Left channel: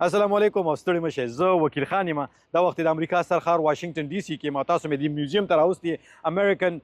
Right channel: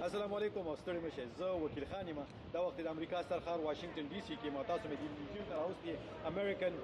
السلام علیکم او ستړي مشه زه وکیل خان یم دا وخت د امریکا سرخار واشنگټن ډي سي کې ما تاسو مې د میوزیم ته راوستي امریکن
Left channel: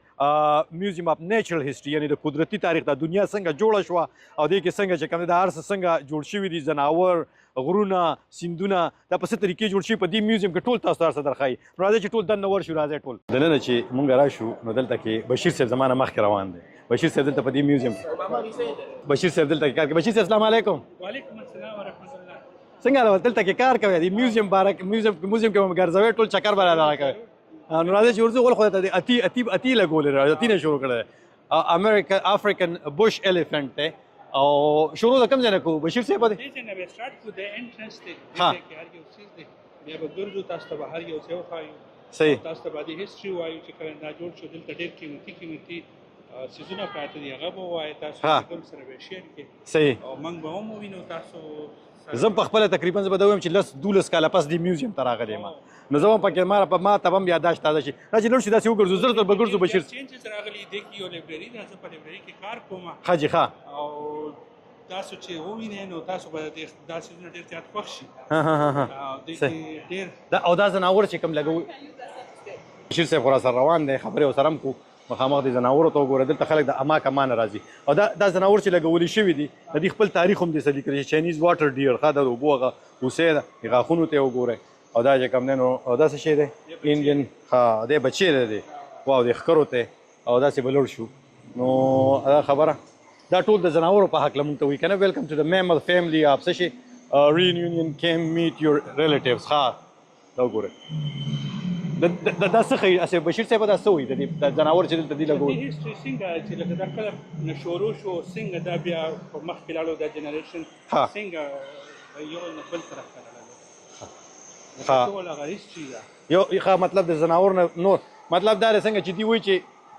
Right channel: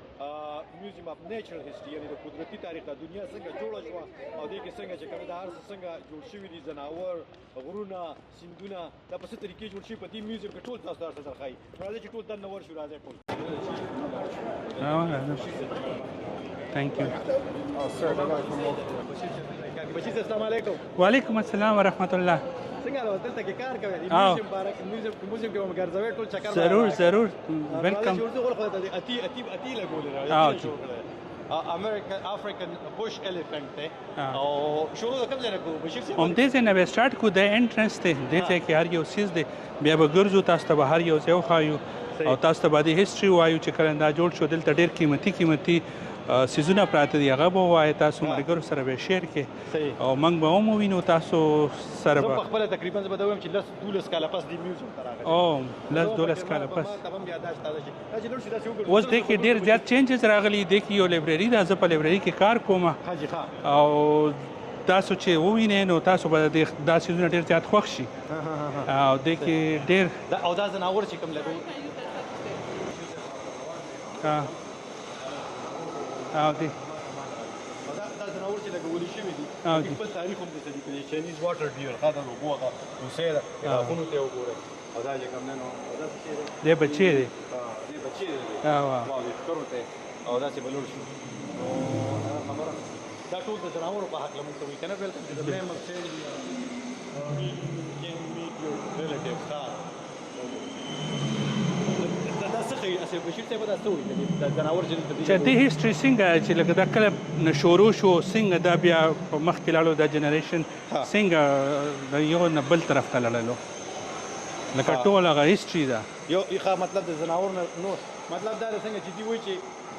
میوزیم اف نیچرل هیستوري یعنی د قدرتي تاریخ د دنیا څنګه جوړه شوه او دې کې څنګه چې کوم د هر څه څنګه جوړ شوي دي ځناور غرونه سیندونه دا په څه طریقې جوړ شوي په دې میوزیم کې ټول تاسو هر څه درښایي نو راځئ چې ټول دننه ورشو راځئ ټول دننه چې مونږ راشو نو دلته کې بشیر صاحب زمانه مخکې روان دی بشیر صاحب دلته په دې میوزیم کې بشیر صاحب دلته کار کوي بشیر صاحب السلام علیکم وعلیکم السلام ورحمت الله څنګه له دلته کې کار کوي د میوزیم بارک میوزیم کې هم ګرځوي ټول چکر ضرور ضرور راځي چې ورته ول خو ته اتی لګول راځي اتی نه شروع کړه امریکن افریقن بوش الیفنٹ ته او شروع د کوم ځای نه کو بشیر صاحب دې څه نه به سٹارټ کو د انټرنس ته دې کې هر یو سیز دی بیا به ګرځو تاسو ته هر یو ځای خایو او تاسو ته باندې هیستوري وایو چې کله دا جوړ شو دلته ډېر قیمتي سیزونه پراته دي هغه به وایي تاسو ملګرو سره به شیر کې صحیح او موږ به هم ووینو تاسو سره زه په خپله تقریبا زه به دا وایم چې 12 کاله پس دې میوزیم ته راغلی نو زه هم پکې ما ته هم یاداشت تازه شي دا چې لوړ شي داسې وګرځو ډېر چینجز راغلي دي کې یو لایبرري ده زه په لایبرري کې کار کوم ښه جي ښه او تاسو چې ووینئ نو تاسو به دا سیزونه ډېر زیات خوښ شي او دې کې ډېر او دا ځناور چې کوم لګو بشیر صاحب خو را سره روان دی خبرې ورسره هم کوو مخامخ د ځناورو ته وګوره دلته خلک د اما کمان راځي او دا ځناور چې لګولي شوي دي د دې خپل تاریخ هم دې لیکلی چاینیز واټر ډیر ښه د اوبو هغه کوسۍ ده د غاښونو ته وګورئ او دا چې کوم دی نو او دا څه شی دی دی بچی دی دی بچی دی واو د ښکرو ته او داسې به لوړ شو نو دا خبره دا ټول د ځناورو په هکله مونږ ته وایي که نه ویلکم ټو د میمل فیملی اف څه شي reunion came meet your relatives ښه دا وګورئ دا څه ښایي اصل بشیر صاحب دا څه وایي د ځناور چې دلته دي د هیسټري څنګه چې لکه دا کله نه شروع شو څنګه دا بیا په مخکې لاړو دا جنریشن څنګه د یو نه بل طرف ته لاړلو لکه ټول هغه هیسټري ده یو ښه مطلب د ځناور نه نور مطلب دا دی څنګه چې دوی وایي چې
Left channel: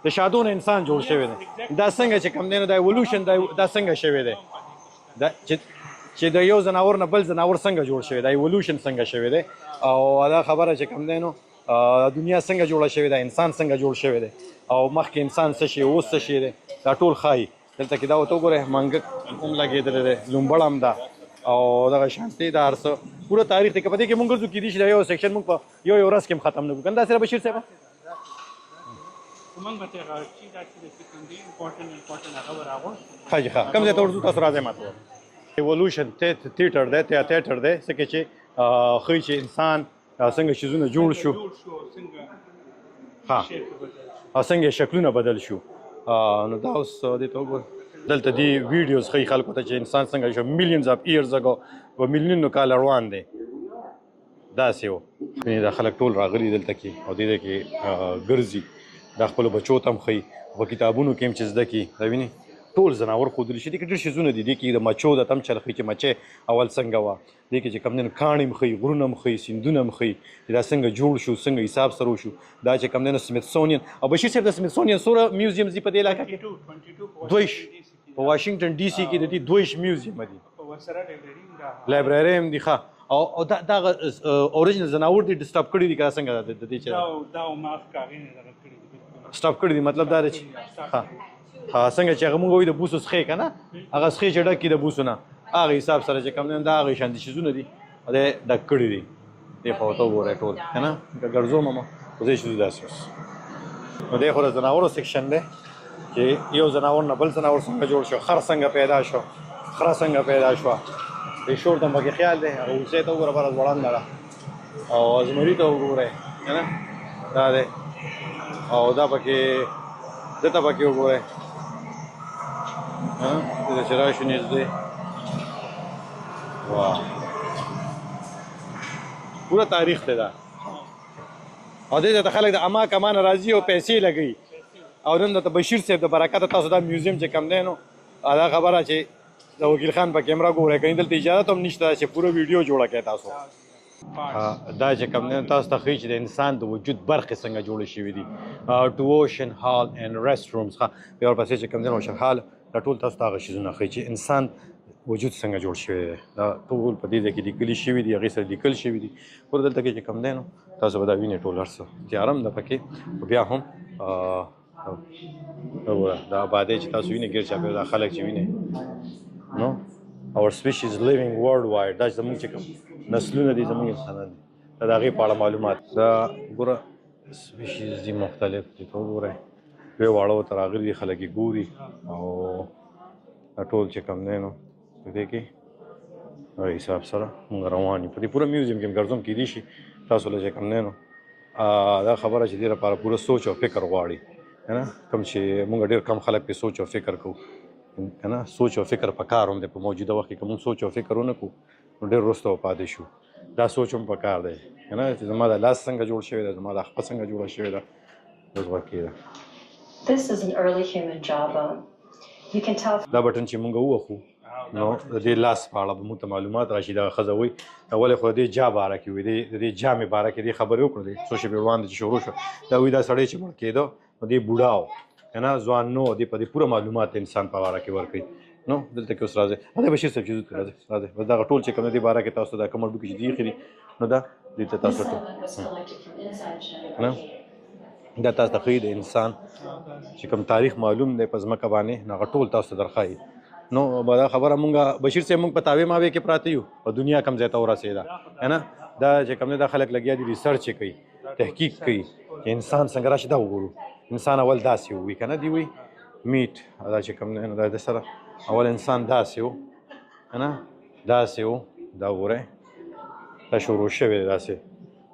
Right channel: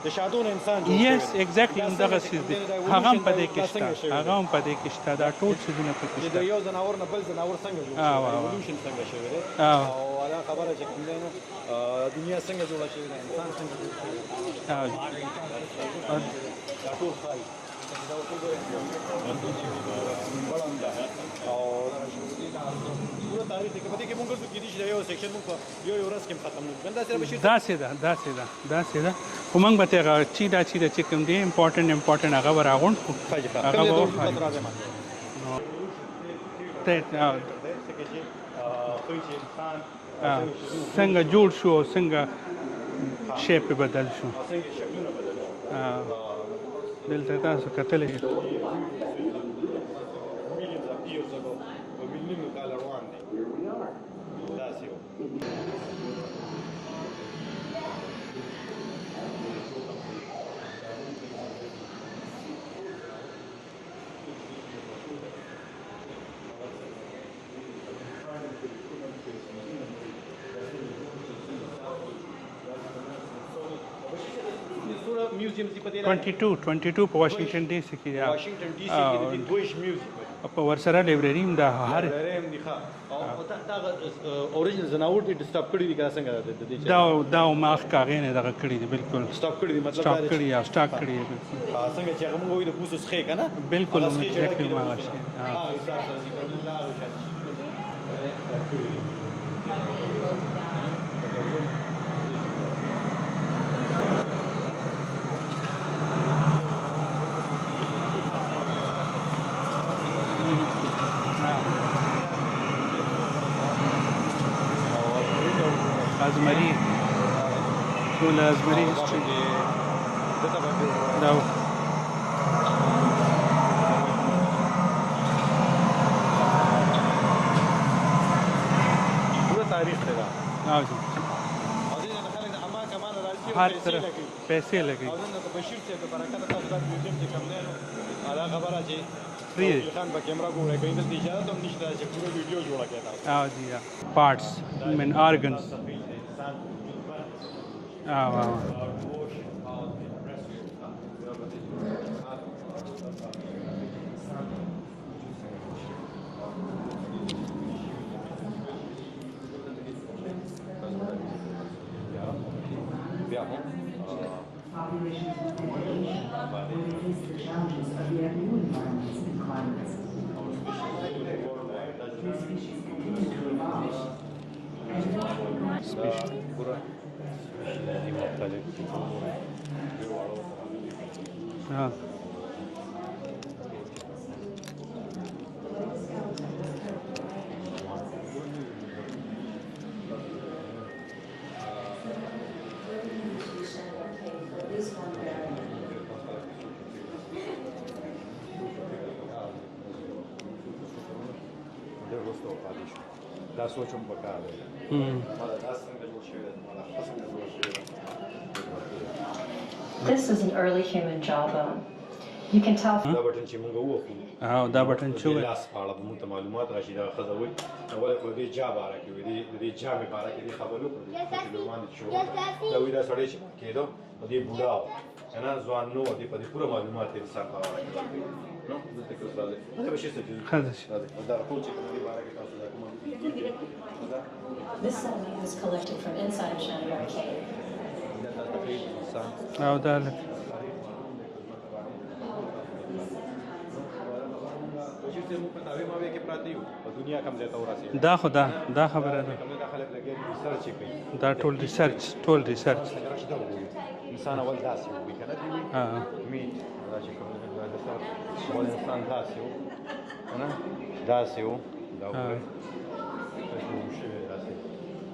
د شادو نه انسان جوړ شوی دی دا څنګه چې کوم دی نو د ایولیوشن دا څنګه شوی دی هم په دې کې شته دا ټول څیزونه چې د یو ځناور نه بل ځناور څنګه جوړ شوی دی ایولیوشن څنګه شوی دی او دا خبره چې کوم دی نو دنیا څنګه جوړه شوې ده انسان څنګه جوړ شوی دی او مخکې انسان څه شي اوس څه شي دی دا ټول ښایي دلته کې دا ورته وګورئ منګک هم لګېدلی دی لومبړ هم ده او دغه شانتي دا هر څه پوره تاریخ دی که په دې کې مونږ ګرځو کیدای شي دا یو سیکشن مونږ په یو ورځ کې هم ختم نه کړو کنه داسې بشیر داسې ده خو موږ به ته هغه چې کوم دی امپورټنټ هغه به راغونډ کړو ښه کوم ځای ته ورځو تاسو راځئ ماته ایولوشن تیټر دی تیاتر دی څه چې ښایي چې انسان څنګه شیزونه جوړ شو څنګه شیپ بدل شو او څنګه شکلونه بدل شو نو دا اوس دلته دی ویډیوز ښایي خلکو ته چې انسان څنګه شو میلیونز اف ایرز اگو په میلیونونو کاله روان دی داسې و دا خلک ټول راغلي دلته کې او دې کې ګرځي دا خپلو بچو ته هم ښایي په کتابونو کې هم چې زده کړي دا ویني ټول ځناور ښودلی شي دې کې ډېر شیزونه دي دې کې د مچو د تم چل ښایي چې مچۍ اول څنګه وه دې کې چې کوم دی کاڼي هم ښایي غرونه هم ښایي سیندونه هم ښایي دا څنګه جوړ شو څنګه حساب سره وشو دا چې کوم دی نو سمیتسونین او بشیر صاحب د سمیتسونین څومره میوزیمز دي په دې علاقه 22 په واشنگټن ډي سي کې واشنگټن ډي سي کې د دې 22 میوزیم دي په ورسره لایبرري هم ده لایبرري هم دي ښه او دا اوریجنل ځناور دي ډسټاپ کړي دي که څنګه دا ما ښکاغې نه دغه کړي دي بالکل سټاپ کړي دي مطلب دا دی سټاپ کړي څنګه چې هغه موږ وایو د بوسو څخې که نه هغه څخې چې ډکې د بوسو نه هغه حساب سره چې کوم دی دا هغې شانتي شیزونه دي ډک کړي دي دې خوا ورته وګورئ ټول که نه که ګرځو ماما خدای شي داسې اوس نو دی خو د ځناورو سیکشن دی چې یو ځناور نه بل ځناور څنګه جوړ شو خر څنګه پیدا شو خره څنګه پیدا شوه دې شور ته هم پکې خیال دی هغه اوسۍ ته وګوره بله ځوړنده ده او ازمري ته وګورئ ازمري دا دی او دا پکې ده ته پکې وګورئ دلته چې راشو نږدې پوره تاریخ دی دا او دې ته خلک د اما کمان راځي او پیسې لګوي او نن د بشیر صاحب د برکته تاسو دا میوزیم چې کوم دی نو دا خبره چې د وکیل خان په کیمره ګورئ که دلته اجازه هم نشته چې پوره ویډیو جوړه کړئ تاسو دا چې کوم دی تاسو ته ښایي چې د انسان د وجود برخې څنګه جوړې شوي دي ټو اوشن هال اینډ ریسټ رومز ښه بیا ورپسې چې کوم دی اوشن هال دا ټول تاسو ته هغه شیزونه ښایي چې انسان وجود څنګه جوړ شوی دی دا ټول په دې ځای کې لیکلي شوي دي هغې سره لیکل شوي دي خو دلته کې چې کوم دی نو تاسو به دا وینئ ټول هر څه تیاره هم ده پکې خو بیا هم وګوره دا آبادۍ چې تاسو وینئ ګیر چاپېره دا خلک چې وینئ نو our species living worldwide دا زموږ چې نسلونه دي زموږ انسانان دي د هغې په اړه معلومات دا ګوره سپیشیز دي مختلف دي وګورئ دوی واړه ورته راغلي دي خلک یې ګوري او دا ټول چې کوم دی نو په دې کې دا حساب سره موږ روان یو په دې پوره میوزیم کې ګرځم کیدای شي تاسو له چې کوم دی نو دا خبره چې دې لپاره پوره سوچ او فکر غواړي که نه کوم چې موږ ډېر کم خلک پې سوچ او فکر کوو که نه سوچ او فکر پکار هم دی په موجوده وخت کې که موږ سوچ او فکر ونه کړو نو ډېر وروسته به پاتې شو دا سوچ هم پکار دی که نه چې زما د لاس څنګه جوړ شوی دی زما د خپه څنګه جوړه شوې ده اوس وخت دی This is an early human jawbone. You can tell دا بټن چې موږ ووخو دا بټن د دې لاس په اړه به موږ ته معلومات راشي دا ښځه وایي ولې خو د دې جا باره کې وي د دې جامې باره کې دې خبرې وکړو دې څو شېبې وړاندې چې شروع شو دا وایي دا سړی چې مړ کېده نو دې بوډا و که نه ځوان نه و دې په دې پوره معلومات انسان په باره کې ورکوي نو دلته کې اوس راځي دا بشیر صاحب چې راځي دغه ټول چې کوم دې باره کې تاسو دا کوم ډوکې چې دي ایښي دي نو دا دې ته تاسو ته دا تاسو ته ښیي د انسان چې کوم تاریخ معلوم دی په ځمکه باندې نو هغه ټول تاسو ته درښایي نو دا خبره مونږ بشیر صاحب مونږ په تاوې ماوې کې پراته یو په دنیا کم ځای ته ورسېده دا خو دا چې کوم دی دا خلک لګیا دي ریسرچ یې کوي تحقیق کوي انسان څنګه راشي دا وګورو انسان اول داسې وي که نه دی وي میټ دا چې کوم دی نو دا د سره اول انسان داسې و که نه داسې و دا وګورئ دا شروع شوی دی داسې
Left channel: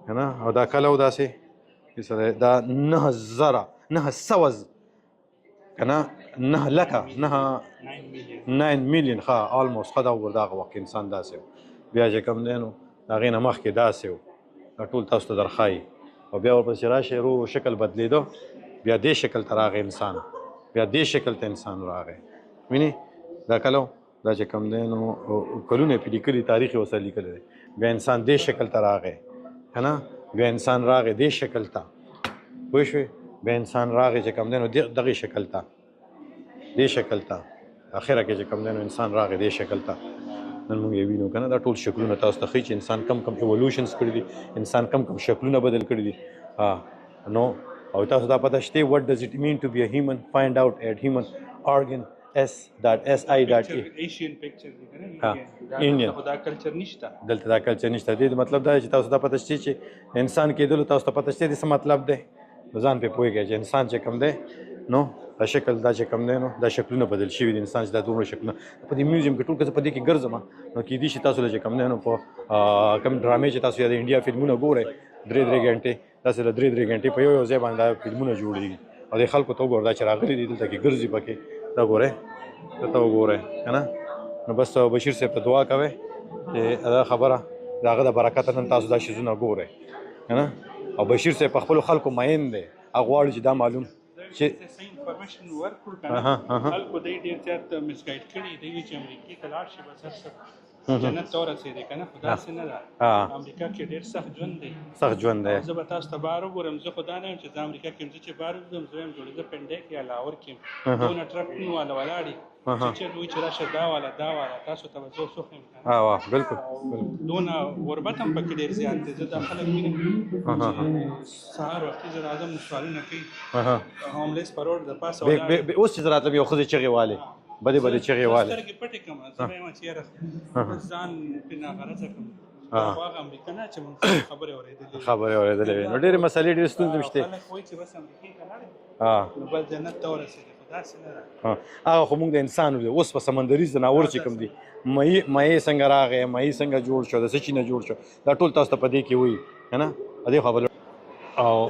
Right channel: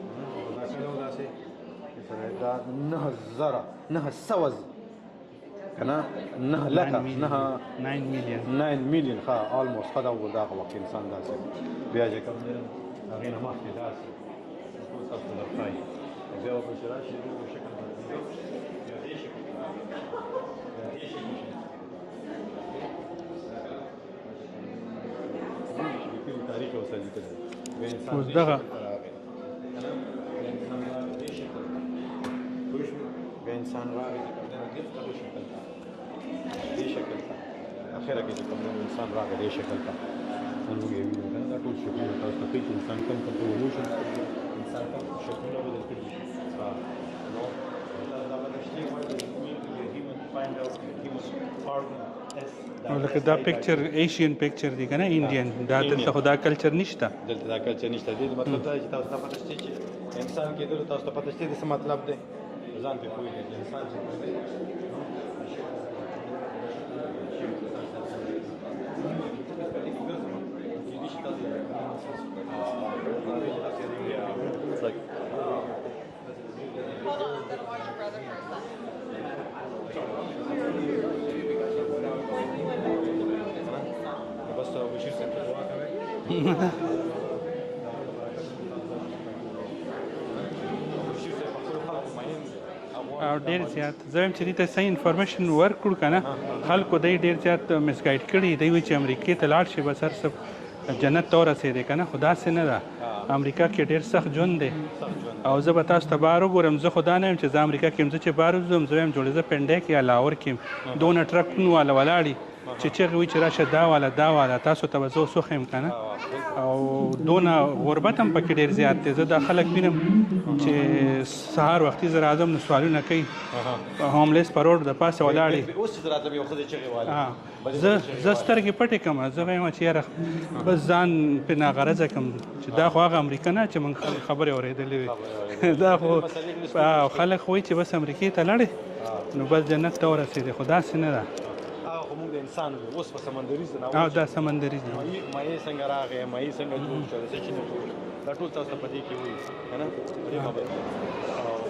که نه او دا کله و داسې دا 9,900 که نه 9 لکه 9 میلیون ښه آلموست ښه دا وګوره دغه وخت انسان داسې و بیا چې کوم دی نو د هغې نه مخکې داسې و دا ټول تاسو ته درښایي او بیا ورپسې راشي رو شکل بدلېده بیا دې شکل ته راغی انسان بیا دې شکل ته انسان راغی وینې دا کله دا چې کوم دی نو کلونه یې پې لیکلي تاریخ یې ورسره لیکلی دی بیا انسان دې شکل ته راغی که نه بیا انسان راغی دې شکل ته پوه شوې بیا انسان راغی چې کوم دی نو دغې شکل ته دې شکل ته اخره کې چې کوم دی نو انسان راغی دې شکل ته نن موږ یې وینو که نه دا ټول شکلونه تاسو ته ښیي چې انسان کم کم ایولوشنز کړي دي انسان کم کم شکلونه بدل کړي دي نو او تاسو دا پته شته what does it mean to be a human find out at human organ ایشین پکچر دی کنه انډین دا دلته خدا کلچر نشته دلته دا کلچر نشته دی مطلب دا چې تاسو دا پته شته چې انسان کېدل تاسو ته پته شته دي څه مطلب دی ځان په پوهیږئ چې انسان چې کوم دی نو دا شکل دا چې کوم دی نو دا شکلونه بدل شوي دي انسان چې دا دومره شکلونه په دې میوزیم کې ټول که زه په دې کې ګرځم نو کېدای شي تاسو له چې کوم دی نو په کوم ډرامې چې تاسو یا د انډیا فلمونه ګورئ 3 غنټې تاسو له 3 غنټې په یو ځای باندې فلمونه جوړېږي او د خلکو ته وګوره دا چې راغلي دي دلته کې ګرځي پکې دا ګورئ ته وګورئ که نه نو بس بشیر صاحب ته دعا کوئ چې دا خبره د هغه د برکته نن تاسو دا شیزونه ګورئ که نه او بشیر صاحب په خپلو خلکو مین دی هغه غواړي چې دا معلوم زه وایم چې دې ته صحیح انفارمیشن ورکړو که نه خلکو دی ډېر زیات مسګایډ کړي دی وایي چې امریکې ته لاړ شي بس هر څه جنت ته ورسېدی که نه خو داسې نه ده امریکا کې ډېر سخت ژوند دی او زه به تاسو ته بهر وګورم زه خو دا نه یم چې زه امریکا کې یم زه چې بهر وځم زه وایم جوړې زه پنډی کې یا لاهور کې یم دونه ټرکونه والا ولاړي چې چغې وایي چې راشه دا والا تاسو ته به زه اوس وښیم که نه او دونه غربت هم پکې ډېر زیات دی زه دا خلک وینم چې سهار وختي زه راځم نو سوالونه کوي هوملیس په روډ د پاسه ولاړې اوس چې زه راتلم یو ښځې چغې والې زه سترګې پټې کړم زه وایم چې یاره بس ځان پرې ناغرضه کړم چې دا خو هغه امریکا نه چې موږ خبرې اورېدلې وي ډېرې مسلې ډېرې ستونزې شته خلک خو وایي چې بس امریکې ته لاړې نو بس جنت ته ورسېدې خو داسې نه ده هغه خو موږ د انسان وي اوس په سمندري ځناور چې کوم دي مهي څنګه راغی مهي څنګه جوړ شو د څه شي نه جوړ شو دا ټول تاسو ته په دې کې وایي که نه دې خبره او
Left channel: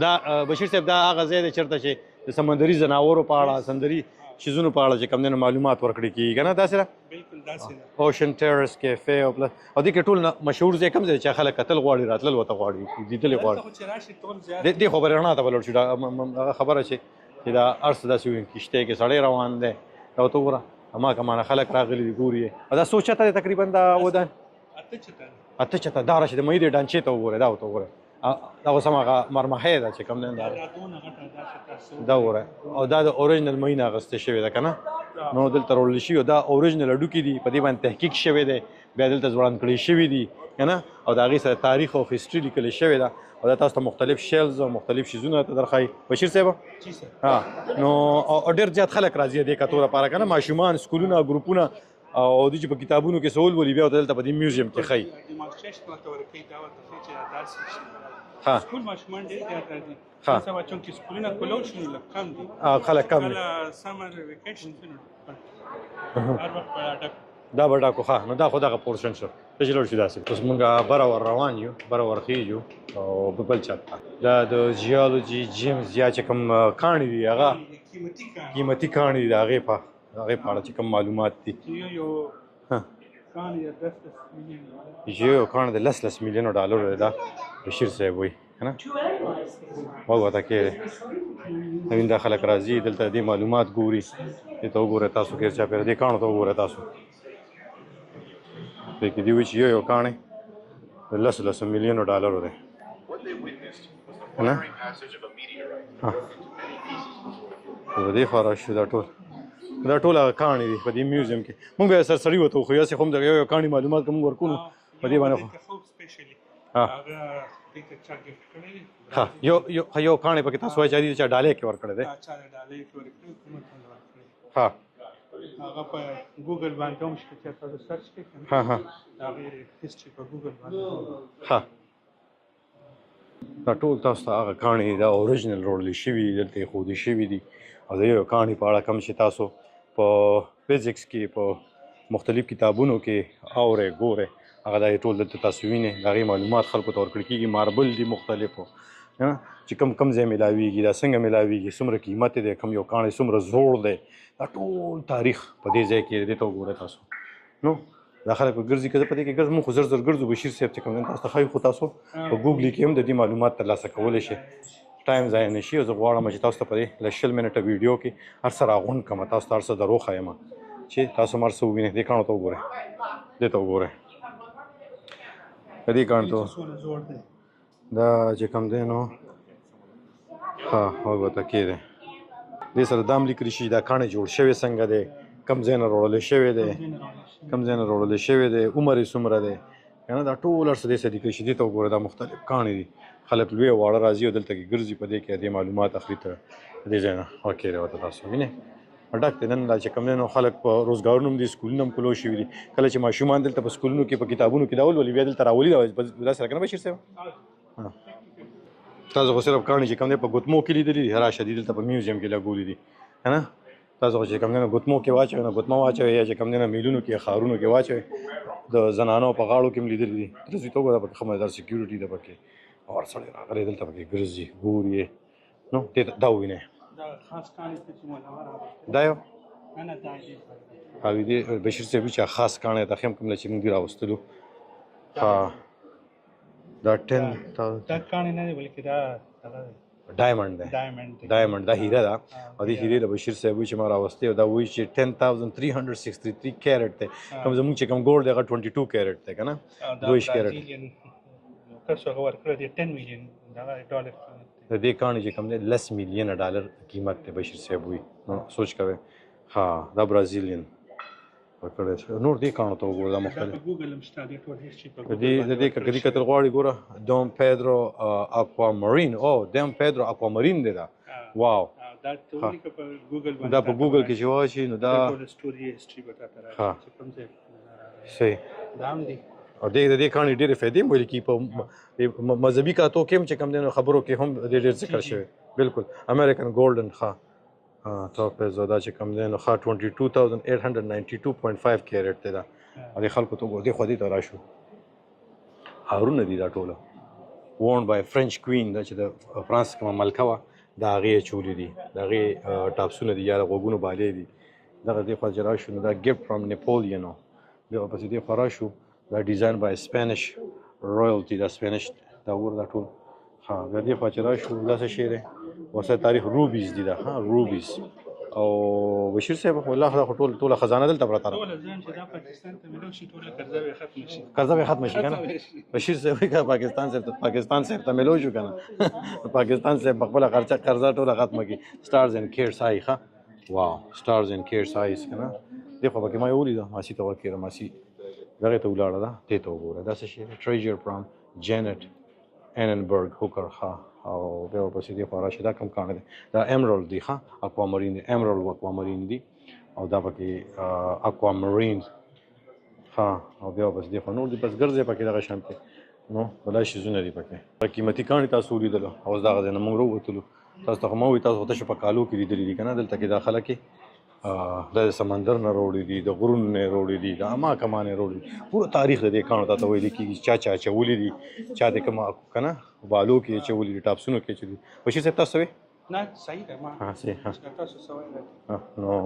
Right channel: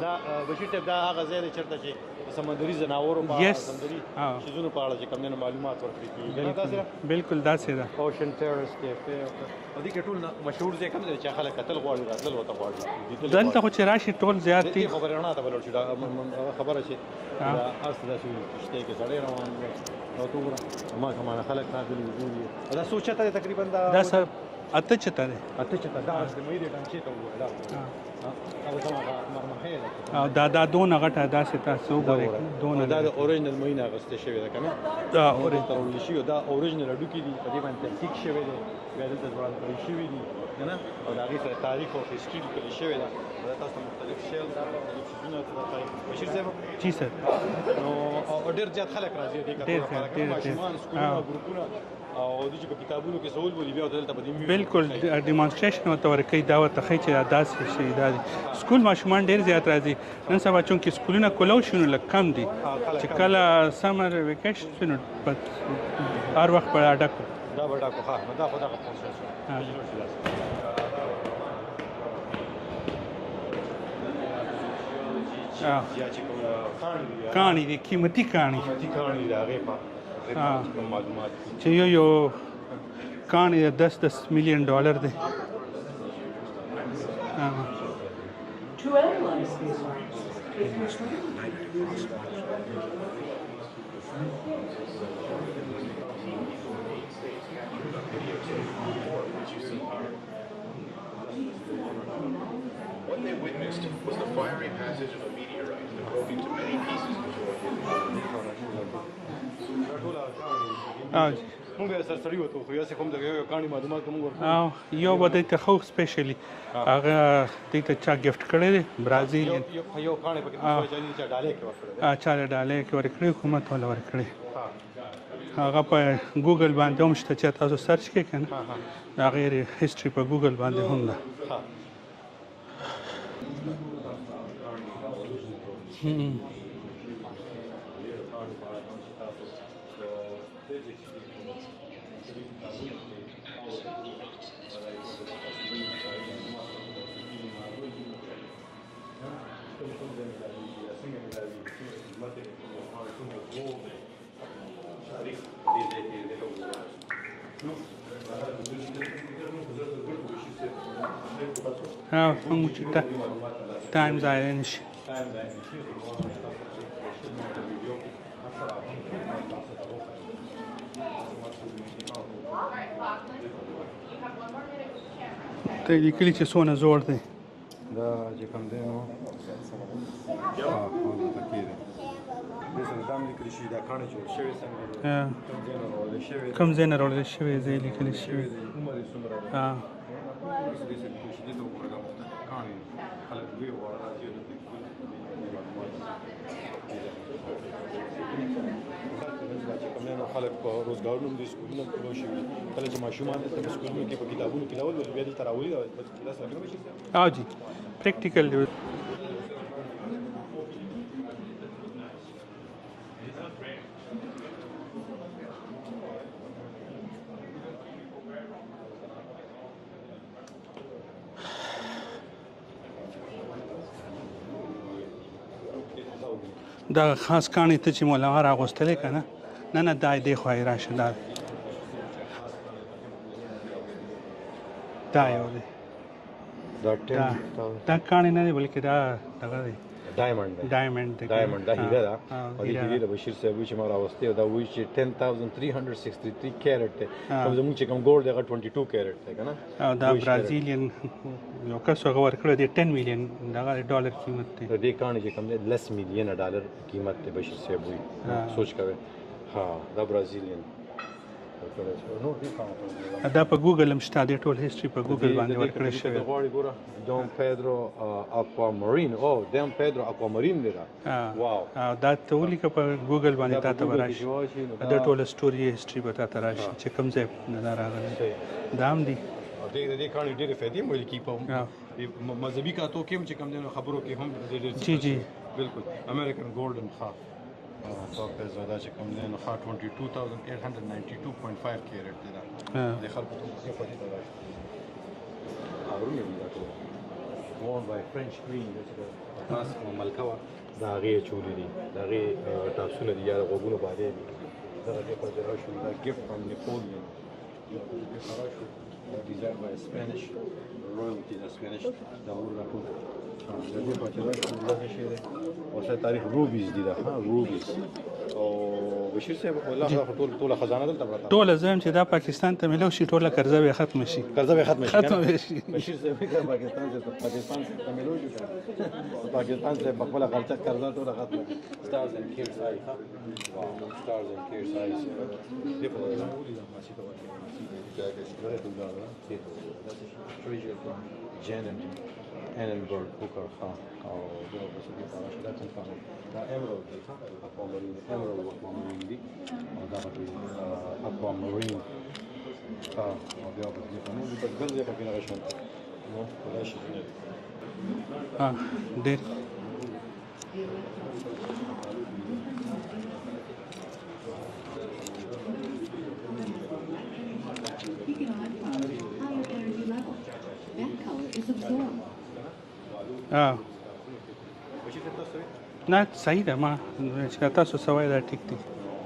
دا بشیر صاحب دا هغه ځای دی چېرته چې د سمندري ځناورو په سمندري شیزونو په اړه چې کوم دی نو معلومات ورکړي کېږي که نه داسې ده بلکل داسې ده اوشن ټیرس کیفې او دې کې ټول مشهور ځای کوم ځای چې خلک کتل غواړي راتلل ورته غواړي دلته خو چې راشي ټول زیات دي خو به رڼا ته به لوړ شي دغه خبره چې دا هر څه داسې وي کښتۍ کې سړی روان دی دا ورته وګوره هماغه مانه خلک راغلي دي ګوري دا څو چته دی تقریبا دا اته چته دی دا راشي د مهي د ډانچې ته وګوره دا ورته وګوره دا اوس هماغه مرمحې ده چې کوم دا دونه غټه داسې تاسو وګورئ او دا د اورجنل مهي نه اخیستې شوې ده که نه نو دلته راوړل شوي دا اورجنل هډوکي دي په دې باندې تحقیق شوی دی بیا دلته ځوړند کړي شوي دي که نه او د هغې سره تاریخ او هسټري لیکلې شوې ده او دا تاسو ته مختلف شیلز او مختلف شیزونه ته درښایي بشیر صاحب جی سر نو ډېر زیات خلک راځي دې کتو لپاره که نه ماشومان سکولونه ګروپونه او د چې په کتابونو کې سوال ولي بیا دلته په دې میوزیم کې خای بالکل ډیمونستریشن ورته ورکوي دا ورته ښایي چې دا داسې شي دا ها. دي سکول ماشومان ډېر زیات راځي ها. نن سبا چونکې سکولونه کولو شي نو لږ کم دي خلک چې کله سمر ویکیشن شي نو هر وخت به ډک دا به ډاکو ښه نو دا خو دغه پورشن شو ته چې لاړ شو داسې اوس مونږ بره ور روان یو بره ور خیږو او په بل چا دا د جیولوجي جیمز یا چې کوم کاڼي دي هغه کاڼي دي قیمتي کاڼي قیمتي کاڼي دي د هغې په چې کوم معلومات دي چې یو کاڼي 10 ملیون ډالر دی یو کاڼ د 10 میلیونو ډالرو دی دا بشیر صاحب وایي که نه وګوره کې نوین دا خلک راځي دلته دې معلومات ګوري دې ته وګوره تاسو غیر چاپېره دې کاڼو ته وګوره تاسو دې کې دي وایي چې یو کاڼی د 10 میلیونو ډالرو دی نه د دې خوا راشو دا ټول هغه کاڼي دي په دې میوزیم کې مونږ به سرسري ورته وښیو هسې خو هم د یو کاڼي معلومات کوم ورکوو یو به دې ته خو سپیشلی هغه دې ته چا ګفټ کړی دی برازیل یو کاڼی پکې تاسو وایي چې دې چا ډالۍ کې ورکړی دی چا ډالۍ کې ورکړی حکومت ولا ورکړی ها هغه په ګوګل باندې هم شته چې تاسو سرچ کړئ که نه ها هغې هسټري په ګوګل باندې هم ده ها دا ټول تاسو ته هغه کاڼي دا اوریجنل روړلی شوي دي دلته ایښودل شوي دي او د یو کاڼي په اړه کوم چې تاسو په فزیکس کې په مختلف کتابونو کې اورئ ګورئ هغه دا ټول دلته تاسو وینئ د هغې معلومات خلکو ته ورکړل کېږي ماربل دي مختلفو چې کوم ځای میلاویږي دا څنګه میلاویږي څومره قیمت دی کوم یو کاڼی څومره زوړ دی دا ټول تاریخ په دې ځای کې دې ته وګورئ تاسو نو دا خلک ګرځي که زه په دې کې ګرځم خو زر ګرځو بشیر صاحب چې کوم تاسو ته ښایي خو تاسو په ګوګل کې هم د دې معلومات ترلاسه کولی شئ ټایم ضایع نه شي زه غواړم چې تاسو ته په دې 10 منټه ویډیو کې هر څه راغونډ کړم تاسو ته هر څه درو ښایم چې تاسو مر څه ووینئ دې کاڼو ته وګورئ دې ته وګورئ کلي چې څونه زوړ دی دا چې کوم دی نو ها وګوره کې دی دې سره دا هم لیکلی شي دا کاڼی جوړ شوی څنګه دی کوم ځای نه روړلی شوی دی کوم ځای نه روړلی شوی دی عمر یې څومره دی که نه دا ټول هر څه دې سره لیکلی شي دې ته وګوره دا مختلف کاڼي دي خلک لوی او واړه راځي او دلته کې ګرځي په دې کې دې معلومات اخلي ته دې ځای نه واقع دی ورته تاسو وینئ ډک دی نن دا چې کوم دی نو خلک په روزګارونو هم دي سکولونه هم کلو شوي دي کله چې ماشومان دلته په سکولونو کې په کتابونو کې دا ولولي بیا دلته راولي دا سره که نه بشیر صاحب جی پریکټیکل دی تاسو خو صرف کاڼي چې کوم دی په ګوتمو کې لیدلي دي راشه دي دلته په میوزیم کې لګولي دي که نه تاسو خو چې کوم دی نو ګوتمو کې واچوئ نو ګوتمه واچوئ یا چې کوم دی نو میلونو کې ښارونو کې واچوئ د زنانو په غاړو کې هم لیدلي دي ورځې توګه دا پکې ښه مزدار سکیورټي ده پکې اور سړی راغلی دلته پکې ګرځي ګوري نو دا ووینئ دا خاص کاڼي ته چې مولا راغوستلی که نه نه نه دا دې خوا یې راشه دا دې بشیر صاحب چې خاص کاڼی ته ښیم کوم چې موږ راوستلو دا دا کاڼی نه دی بلکې دا دغه دی ډایمنډ دا هیره ده او دې هیرې د بشیر صاحب وایي چې ما راوستې او دا وایي چې 10,363 کیرټ دی کوم زموږ چې کوم ګولډ دی هغه 22 کیرټ دی که نه دا برازیلین یو کس هغه ورکړی دی 10 میلیون دغه ډالر قیمت دی د دې کاڼي چې کوم دی 10 میلیونه ډالر قیمت دی بشیر صاحب وایي سوچ کوئ ها دا برازیلین نور دې کاڼو ته وګوره دا په ګوګل هم شته دې ټول هیسټري په ګوګل باندې دې کلي کتل غواړي ګوره ډون پیدرو اکوامارین او ډون پیدرو اکوامارین دی دا واو دا ته ولیکه په ګوګل باندې دا په ګوګل کې چې واشي نو دا ټول سټوري هیسټري به تاته راشي چې کوم ځای نه راغلی صحیح دا هم دي او دې کاڼي ډېرې فایدې هم ویل کېږي په مذهبي کاتو کې هم چې کوم دی نو خبرو کې هم ډېر ذکر شوی بالکل امریکن ګولډن ښه سو پیسو دا چې کوم دی نو ښه 22,892.5 کیرټ دی دا دې خلکو ته وګورئ دې خو دې ته راشو هارونه دي دا ټوله وورن بای فرنچ کوین دا چې د فرانس کومه ملکه وه د هغې اچولي دي د هغې ټاپسونه دي یا د غوږونو بالې دي دغه دې خوا چې راشو نو دا ګفټ فرام نیپولین و بیا ورپسې دې خوا راشو دا ډیزاین بای سپینش رویلټي دا سپینش دا ور دا ټول دا دې خوا چې راشو دا څه شی دی وسه تاریخ روبیز دي دا روبیز او بشیر صاحب خو الله خدا ټوله خزانه دلته پراته ټوله زم چې دا پاکستان ته ملو شي ټوله قرضه به ختم شي بشیر صاحب کا پاکستان سے ته ملو شو کنه پاکستان سے خپل قرضه ټوله ختمه کی سٹارز اینڈ کیئر سای ښه واو سٹارز اینڈ کیئر سایز کنه دغه په کې ما یو لیدو ماسی ته وکړه ماسی دغه ته ولاړه ده ته وګوره دا څه شي ټریجر فرام جینټ اننبرګ هوکر ښه او بیا ورپسې دې خوا راشي دا کوم کاڼی دی دا ایمرالډ دی ښه اکوامرین دی ایمرالډ اکوامرین دی او دا پکې اکوامرین ها او بیا بس دې په نور دې بس ګرځې پکې دغه شانتي نو بلای شیزونه دي پکې قیمتي کاڼي تاسو ولیدلو اوس دغه ځای نه موږ راووتلو تاسو ته خو ما وایي تاسو تاسو په کالو کې لیدلي دي که نه دلته کې دا خلک د سمندر نه راوړي دي د غرونو نه راوړي دي د اما کمان نه راوړي دي پوره تاریخ د دې کاڼو ته ویل کېږي چا اچولي دي چا د کوم که نه بالو کې اچولي دي ټاپسونو کې اچولي بشیر صاحب تاسو وایي نه صحیح ده ما چې تاسو سوای دا ټیک ده نو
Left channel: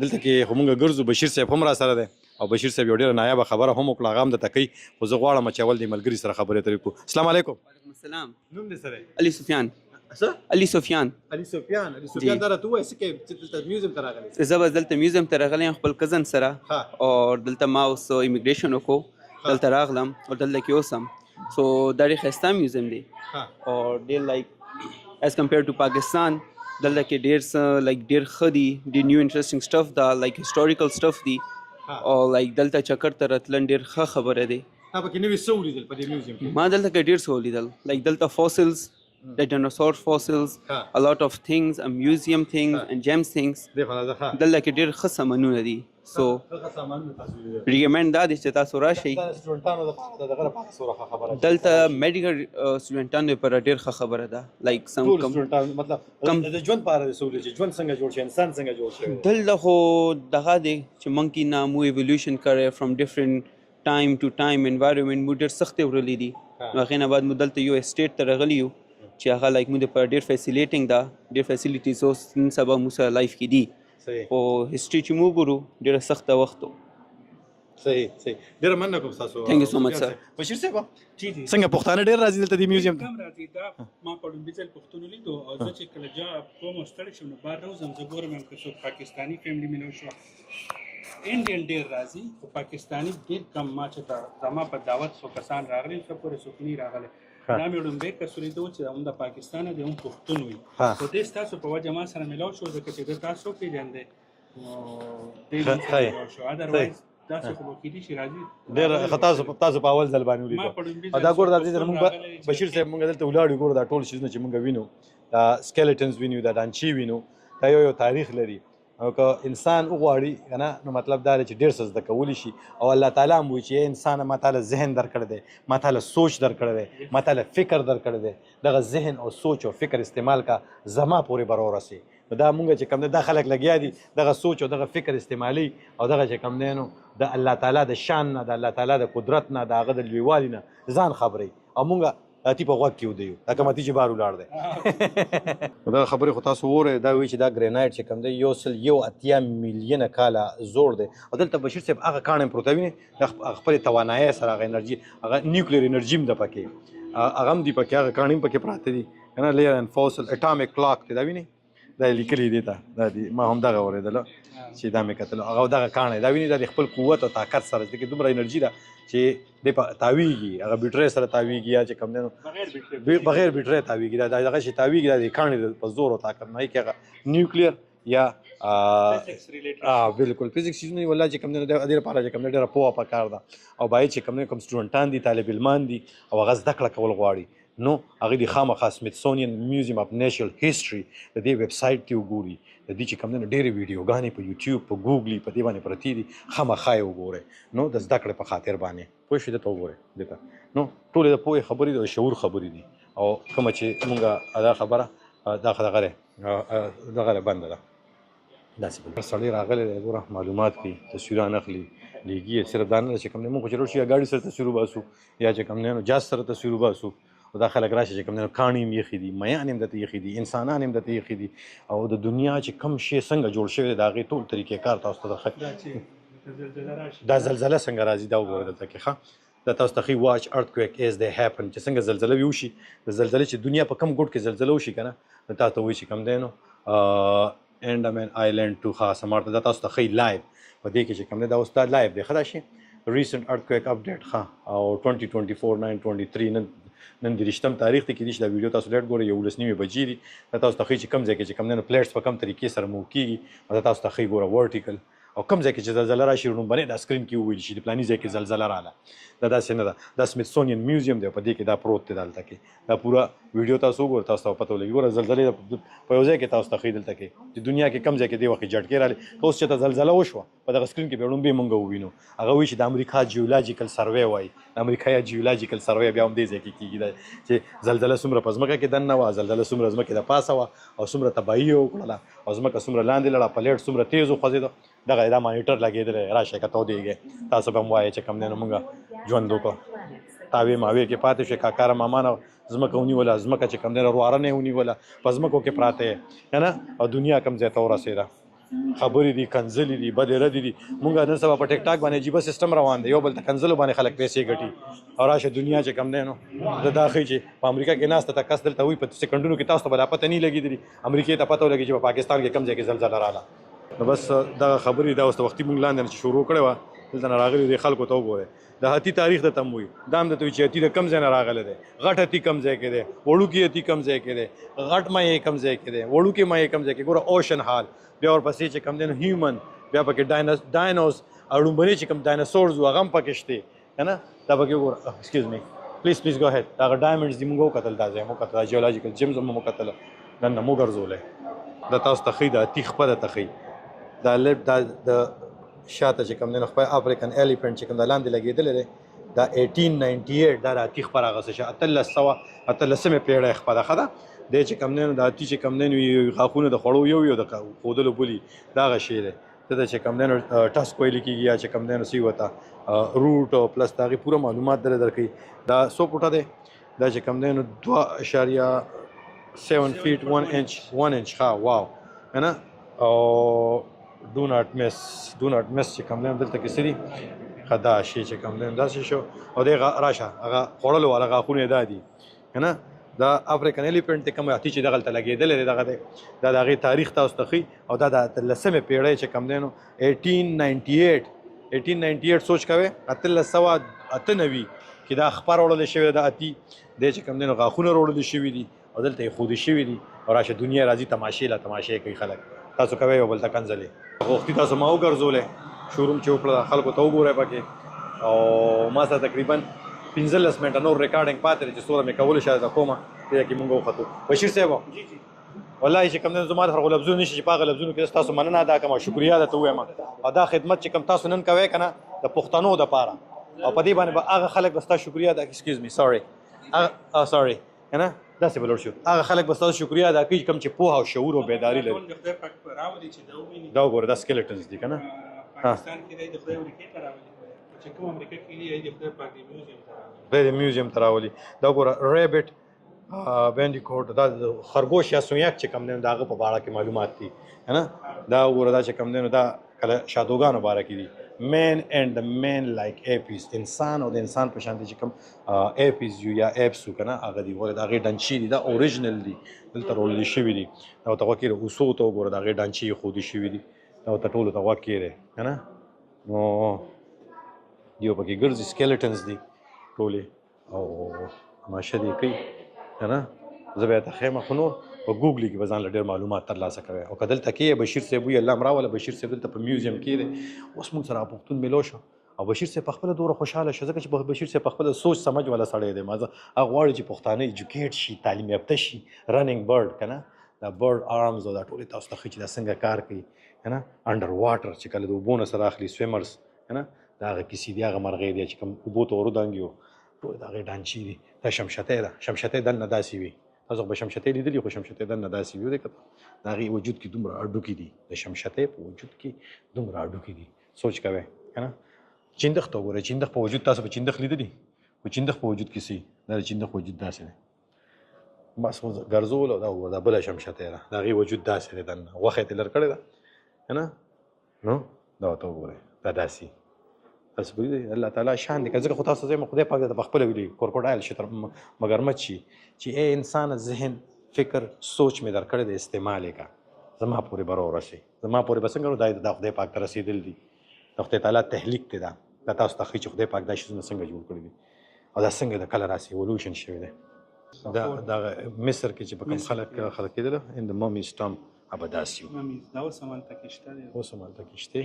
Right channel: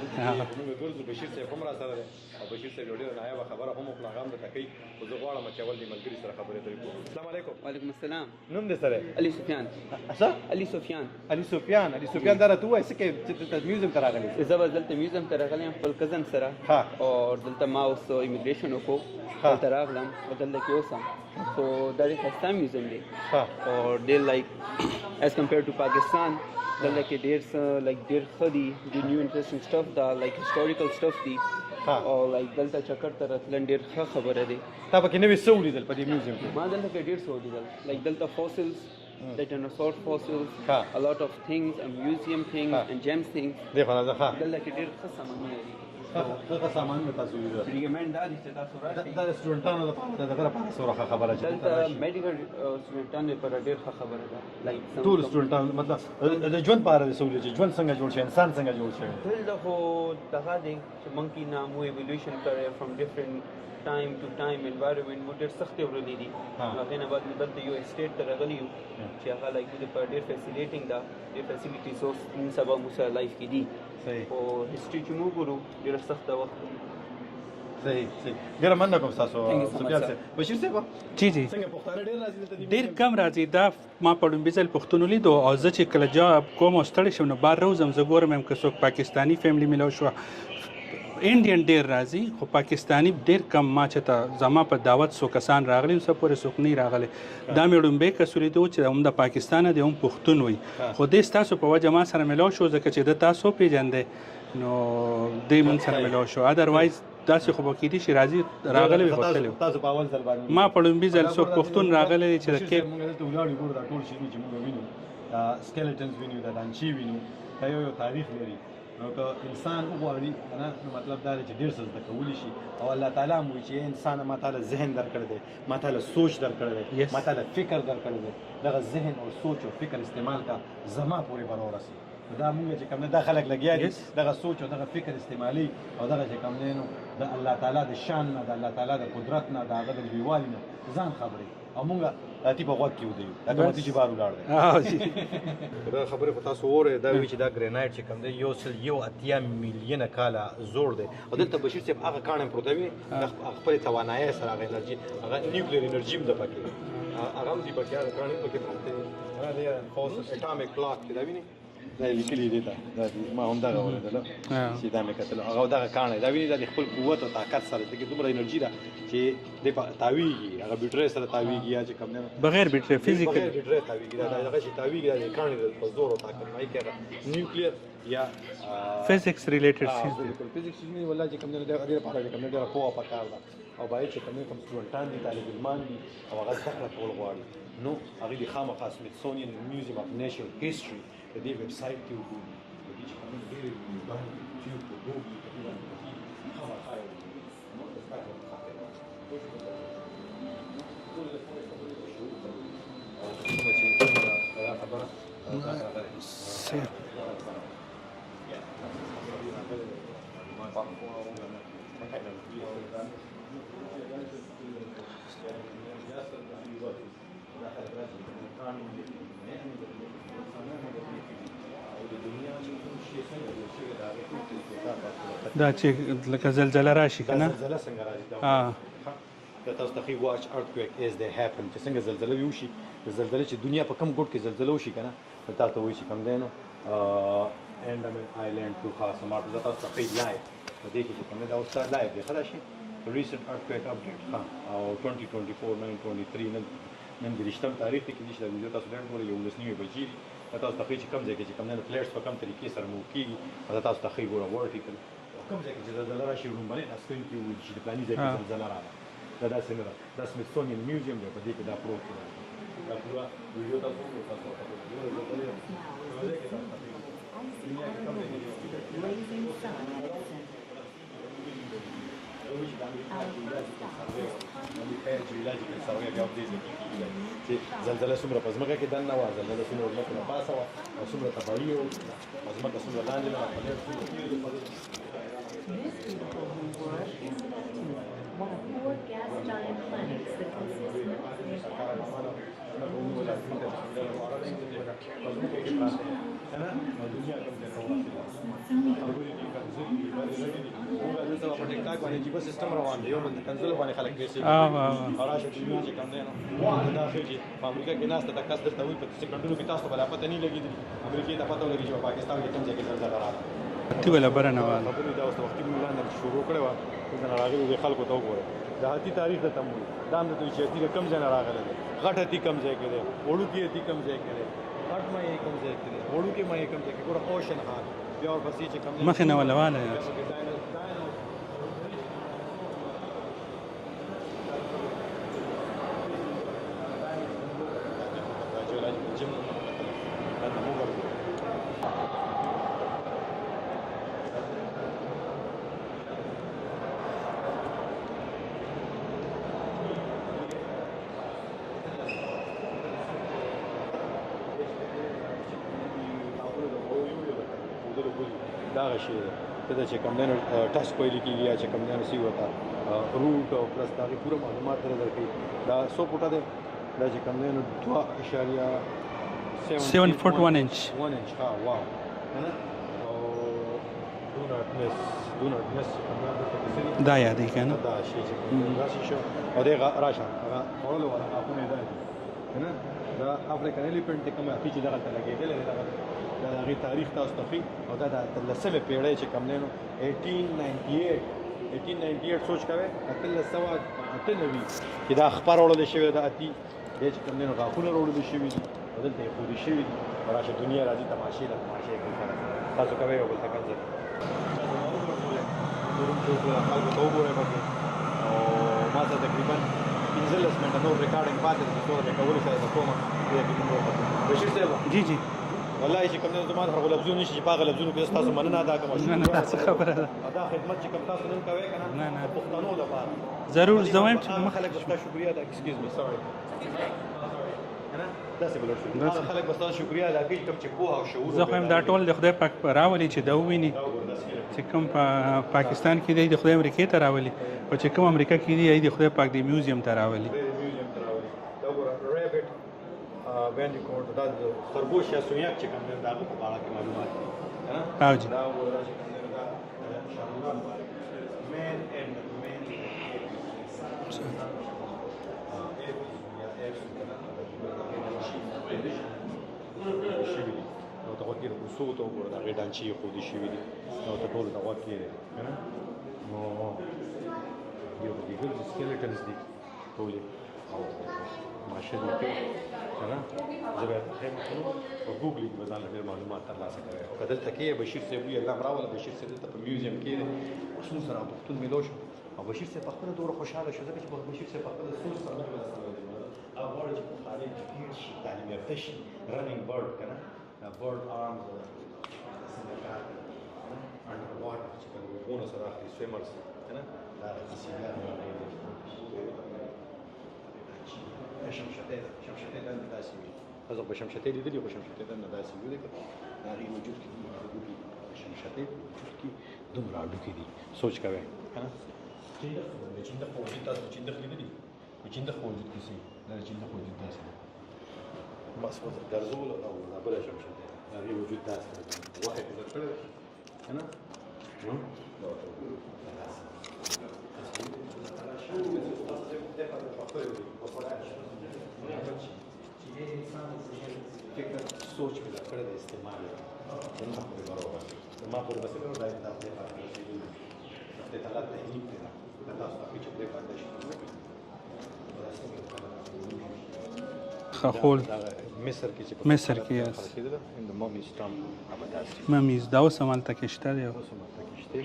دلته کې خو مونږ ګرځو بشیر صاحب هم را سره دی او بشیر صاحب یو ډېره نایابه خبره هم وکړه هغه هم درته کوي خو زه غواړم چې اول د ملګري سره خبرې اترې کړو السلام علیکم وعلیکم السلام نوم دې سره علي سفیان څه علي سفیان علي سفیان دا راته ووایه څه کې چې دلته میوزیم ته راغلی زه به دلته میوزیم ته راغلی یم خپل کزن سره ها او دلته ما اوس امیګریشن وکړو دلته راغلم او دلته کې اوسم سو دا ډېر ښایسته میوزیم دی ها او ډېر لایک ایز کمپیر ټو پاکستان دلته کې ډېر څه لایک ډېر ښه دي ډېر نیو انټرسټینګ سټف دا لایک هسټوریکل سټف دي او لایک دلته چکر ته راتلل ډېر ښه خبره دی تا پکې نوې څه ولیدل په دې میوزیم کې ما دلته کې ډېر څه ولیدل لایک دلته فوسلز the dinosaur fossils a lot of things museum things and gems things دلته کې ډېر ښه سامانونه دي سو دغه سامان تاسو ولیدل ریکمند دا دی چې تاسو راشئ دا سټوډنټانو لپاره دغه لپاره څوره خبره دلته میډیکل سټوډنټانو لپاره ډېر ښه خبره ده لایک سم ټول سټوډنټانو مطلب د ژوند په اړه څه چې ژوند څنګه جوړ شي انسان څنګه جوړ شي دلته خو دغه دی چې مونږ کې نه مو ایولیوشن کړی فرام ډیفرنٹ ټایم ټو ټایم انوایرنمنت مو ډېر سخت ورلې دي هغې نه بعد مو دلته یو اسټیټ ته راغلي یو چې هغه لایک مو دپاره ډېر فیسیلیټینګ ده ډېر فیسیلیټیز اوس نن سبا مو سره لایف کې دي صحیح او هسټري چې مو ګورو ډېره سخته وخت و صحیح ډېره مننه کوم تاسو Thank you so much, sir. بشیر صاحب جی جی څنګه پښتانه ډېر راځي دلته د میوزیم کم راځي دا ما په لومبي ځل پښتون لیدو او زه چې کله جواب کوم او ستړی شم نو بار روزم زه ګورم هم که څوک پاکستانی فیملی ملو شو انډین ډیر راځي خو پاکستانی ډیر کم ما چې ته زما په دعوت سو کسان راغلي او سپورې څوک نه راغلي دا مې لومبي کسولې دو چې هم د پاکستان دی هم پښتون وي او د تاسو په وجه ما سره ملو شو ځکه چې د تاسو پیژندې نو د من سره ملو شو اذروایز تاسو خو کې دي چې راځي تاسو په اول ځل باندې ما په لومبي ځل څوک پښتون راغلي چې بشیر صاحب موږ دلته ولاړو ګورو دا ټول شیزونه چې موږ وینو دا سکیلټنز وینو دا دانچی وینو دا یو تاریخ لري او که انسان وغواړي کنه نو مطلب دا چې ډیر څه زده کولی شي او الله تعالی مو چې انسان ما تعالی ذهن درکړی دی ما تعالی سوچ درکړی دی ما تعالی فکر درکړی دی دغه ذهن او سوچ او فکر استعمال کا زما پورې برور راسي دا مونږ چې کوم دا خلک لګیا دي دغه سوچ او دغه فکر استعمالي او دغه چې کوم نه نو د الله تعالی د شان نه د الله تعالی د قدرت نه د هغه د لویوالي نه ځان خبري او مونږ تی په غوږ کې ودیو دا کوم تی چې بار ولاړ دی دا خبره خو تاسو وره دا وی چې دا ګرینایټ چې کوم دی یو سل یو اتیا میلیونه کاله زوړ دی او دلته بشیر صاحب هغه کانم پروتوین د خپل توانایي سره هغه انرژي هغه نیوکلیر انرژي هم د پکې هغه هم دی پکې هغه کانم پکې پراته دي کنه لیر ان فوسل اټامیک کلاک دی دا ویني دا لیکلي دي ته دا ما هم دغه اوریدل چې دا مې کتل هغه دغه کانه دا ویني د خپل قوت او طاقت سره چې دومره انرژي ده چې د تاویږي هغه بیټری سره تاویږي یا چې کوم نه بغیر بیټری بغیر بیټری تاویږي دا دغه شي تاویږي د کانه په زور او طاقت نه کېږي نیوکلیر یا فزکس ریلیټډ بالکل فزکس نه ولا چې کوم نه د دې لپاره چې کوم نه ډېر پوهه پکار ده او باید چې کوم نه کوم سټوډنټان دي طالب علمان دي او هغه زده کړه کول غواړي نو هغه د خامخا سمیتسونین میوزیم اف نیچرل هیستوري د دې ویب سایټ ته وګوري د دې چې کوم نه ډېرې ویډیوګانې په یوټیوب په ګوګل په دې باندې پرتی دي خامخا یې وګورئ نو د زده کړې په خاطر باندې پوه شئ دته وګورئ دته نو ټولې د پوهې خبرې د شعور خبرې دي او کومه چې موږ ادا خبره دغه بنده ده داسې سړی راغلی دی ګوره معلومات دي تصویران اخلي لیږي صرف دا نه چې کوم نه موږ چې شي ګاډي سره تصویر وباسو یا چې کوم نه جاز سره تصویر وباسو دا خلک راشي چې کوم نه کاڼي هم یخي دي میان هم دته یخي دي انسانان هم دته یخي دي او د دنیا چې کم شی څنګه جوړ شوی دا غي ټول طریقې کار تاسو ته دا چې لکه زلزلہ راشي دا زلزلہ څنګه راځي دا وګورئ کې ښه دا تاسو ته واچ ارتکویک از دی هپن چې څنګه زلزلہ وشي د زلزلې چې دنیا په کم ګوټ کې زلزلہ وشي کنه تاسو ته وایي چې کم دی نو انډامن آیلند تو خاص مارته دا تاسو ته لایو په دې کې چې کوم دا اوس لایو دی خدا شي ریسنت ارتکویک اپډیټ ښه او 2024 923 نن د رښتم تاریخ ته کې دي چې دا ویډیو تاسو لټ ګورئ 11:09 بجې دي دا تاسو ته ښیي چې کوم ځای کې چې کوم نه پلیټس په کوم طریقې سره موو کېږي دا تاسو ته ښیي ګوره ورټیکل او کوم ځای کې چې زلزله راشي نو باندې دا سکرین کې وویل شي د پلاني ځای کې زلزله راغله دا داسې نه ده دا سمیتسونین میوزیم دی په دې کې دا پروت دی دلته کې دا پوره ویډیو تاسو وګورئ تاسو ته پته ولګي ګوره زلزلې په یو ځای کې تاسو ته ښیي دلته کې چې دنیا کې کم ځای کې دې وخت جټکې راغلې اوس چې ته زلزله وشوه په دغه سکرین کې به لومبې مونږ ووینو هغه وایي چې د امریکا جیولوجیکل سروې وایي د امریکا جیولوجیکل سروې بیا هم دې ځای کې کېږي چې زلزله څومره په ځمکه کې دننه وه زلزله څومره ځمکې د پاسه وه او څومره تباهي یې وکړله او ځمکه څومره لاندې لاړه پلیټ څومره تیز وخوځېده دغه دا مانیټر لګېدلی راشئ که تودېږئ تاسو به هم وایئ چې کوم دی نو مونږ ژوند وکړو تاوې ماوې کې پاتې شوې کاکاره مامانه ځمکه ونیوله ځمکه چې کوم دی نو رواره نه یې ونیوله په ځمکو کې پراته یې که نه او دنیا کوم ځای ته ورسېده خبرې دي کنځلې دي بدې ردې دي مونږ نن سبا په ټیک ټاک باندې عجیبه سیستم روان دی یو بل ته کنځلو باندې خلک پیسې ګټي او راشه دنیا چې کوم دی نو دا ښیي چې په امریکا کې ناسته ته کس دلته وایي په سکندونو کې تاسو ته به لا پته نه لګېدلي امریکې ته پته ولګي چې په پاکستان کې کوم ځای کې زلزله راغله بس دا خبرې دا اوس وختي مونږ لاندې شروع کړې وه دلته نه راغلي دي خلکو ته وګورئ د هاتي تاریخ ته هم وایي دا هم درته وایي چې هاتي د کوم ځای نه راغلی دی غټ هاتي کوم ځای کې دی وړوکي هاتي کوم ځای کې دی غټ مایع کوم ځای کې دی وړوکي مایع کوم ځای کې ګوره اوشن هال بیا ورپسې چې کوم دی بیا پکې ډاینوز او لومبني چې کوم ډایناسورز وو هغه هم پکې شته که نه دا پکې وګوره ایکسکیوز می پلیز ګو هیډ دا هغه ډایمنډز دي موږ وکتل دا ځای مو وکتل جیولوجیکل جیمز مو وکتل دننه مو ګرځولی دا تاسو ته ښیي دا هاتي خپله ته ښیي دا لیپ دا د شاته چې کوم دی نو خپل افریقن ایلیفنټ چې کوم دا لاندې لګېدلی دی دا 1898 دا د هاتي خپه راغسته چې 1800 پیړۍ خپه ده ښه ده دی چې کوم دی نو د هاتي چې کوم دی نو غاښونه د خوړو یو د ښودلو بولي دا هغه شی دی دلته چې کوم دی نو ټسک ویلې کېږي یا چې کوم دی نو سی ورته روټ او پلس د هغې پوره معلومات درکوي دا څو فوټه دی دا چې کوم دی نو 2.7 feet 1 inch ښه واو که نه او do not miss چې کوم دی دلته کې څه دي دا یادې که نه دا شی چې کوم دی داسې شو او دی راشه هغه خوړلو والا غاښونه یې دا دي که نه دا افریقن ایلیفنټ دی کوم هاتي چې دغلته لګېدلی دی دغه دی دا د هغې تاریخ تاسو ته ښیي او دا د 10مې پیړۍ چې کوم دی نو 1898 سوچ کوئ 1898 کې دا خپه راوړلی شوی د هاتي دی چې کوم دی نو غاښونه راوړلی شوي دي او دلته یې ښودي شوي دي او راشه دنیا راځي تماشې له تماشې کوي خلک تاسو کوئ یو بل ته کنځلې غوښتي تاسو ما وګرځولی شوروم چې وکړه خلکو ته وګورئ پکې او ما سره تقریبا 15 منټه نور ریکارډینګ پاتې دی چې څومره مې کولی شاید زه کومه دې کې مونږ وختو بشیر صاحب جی جی والله چې کوم زما د هغو لفظونه نشي چې په هغه لفظونه کې تاسو مننه ادا کوم شکریا درته ووایم او دا خدمت چې کوم تاسو نن کوئ که نه د پښتنو دپاره ضرور په دې باندې به هغه خلک به ستا شکریا ادا ایکسکیوز می سوري سوري که نه داسې به لوړ شو هغه خلک به ستاسو شکریا ادا کوي کوم چې پوهه او شعور او بیداري دا ټول د خدای پاک راولي چې دا وویني دا وګوره دا سکلیټن چې کوم پاکستان کې دی د خدای امریکې ته راولي او چې کوم امریکا کې دی د خدای پاک د میوزیم ته راولي د میوزیم ته راولي دا وګوره ریبټ بینډیکوټ دا د خرګوش یا سویاک چې کوم دی د هغه په اړه کې معلومات دي که نه دا وګوره دا چې کوم دی نو دا کله شادوګانو باره کې دي مین اینډ مین لایک ایپیز انسان او د انسان په شان دي چې کوم ایپیز یو یا ایپس که نه هغه دي ولې د هغې ډنچې دي دا اوریجنل دي دلته راوړل شوي دي او ته غوږ کېږده اوسو ته وګوره د هغې ډنچې یې ښودي شوي دي او ته ټولو ته غوږ کېږدی که نه نو یو پکې ګرځي سکیلټنز دي ټولې او ماشه دې کوي که نه زه به یې ته ښیم خو نور په ګوګل کې به ځان له ډېر معلومات ترلاسه کوئ او که دلته کې بشیر صاحب وي الله م راوله بشیر صاحب دلته په میوزیم کې دی اوس موږ سره پښتون میلو شو او بشیر صاحب په خپله دومره خوشحاله شو ځکه چې بشیر صاحب په خپله سوچ سمج والا سړی دی هغه غواړي چې پښتانه ایجوکیټ شي تعلیم یافته شي رننګ برډ که نه دا برډ آرمز او دا ټولې تاسو ته ښیي چې دا څنګه کار کوي که نه انډر واټر چې کله د اوبو نه سره اخلي سویمرز که نه دا هغه کیسې دي هغه مرغۍ دی چې کوم اوبو ته ورودانګي وو ټول د هغې ډانچې دي دا شمشتۍ ده شمشتۍ دننه داسې وي تاسو به شمشتۍ لیدلي خو شمشتۍ دننه داسې وي د هغې وجود کې دومره هډوکي دي د شمشتۍ په وجود کې دومره هډوکي دي سوچ کوئ که نه چندخ ته وګورئ چندخ په وجود تاسو به چندخ لیدلي خو چندخ په وجود کې څه دا د چندخ وجود داسې دی بس ګرځول او دا وګوره دا بله شمشتۍ ده د هغې وجود داسې دی دننه غوښه یې ترې لر کړې ده که نه نو دا ورته وګورئ دا داسې تاسو ولیدئ الله تعالی شان دی که ځکه خو تاسو ځای خدای پاک ته په خپله ویلي کورکوډایل شي مګرمچ شي چې ای انسان ذهن فکر سوچ مې در کړی دی استعمال یې کړه زما پورې به راورسي زما پورې به څنګه نو دا خدای پاک ته رسېدل دي د خدای تعالی تحلیق دی دا تاسو ته ښیي چې خدای پاک دا شیزونه څنګه جوړ کړي دي او دا څنګه د کله راسي ایولوشن شوی دی دا مصر کې چې په خلک کېدله ان د ممیز ټام ابه داسې ممیز دا اوس همالته کې شته دی اوس همالته کې شته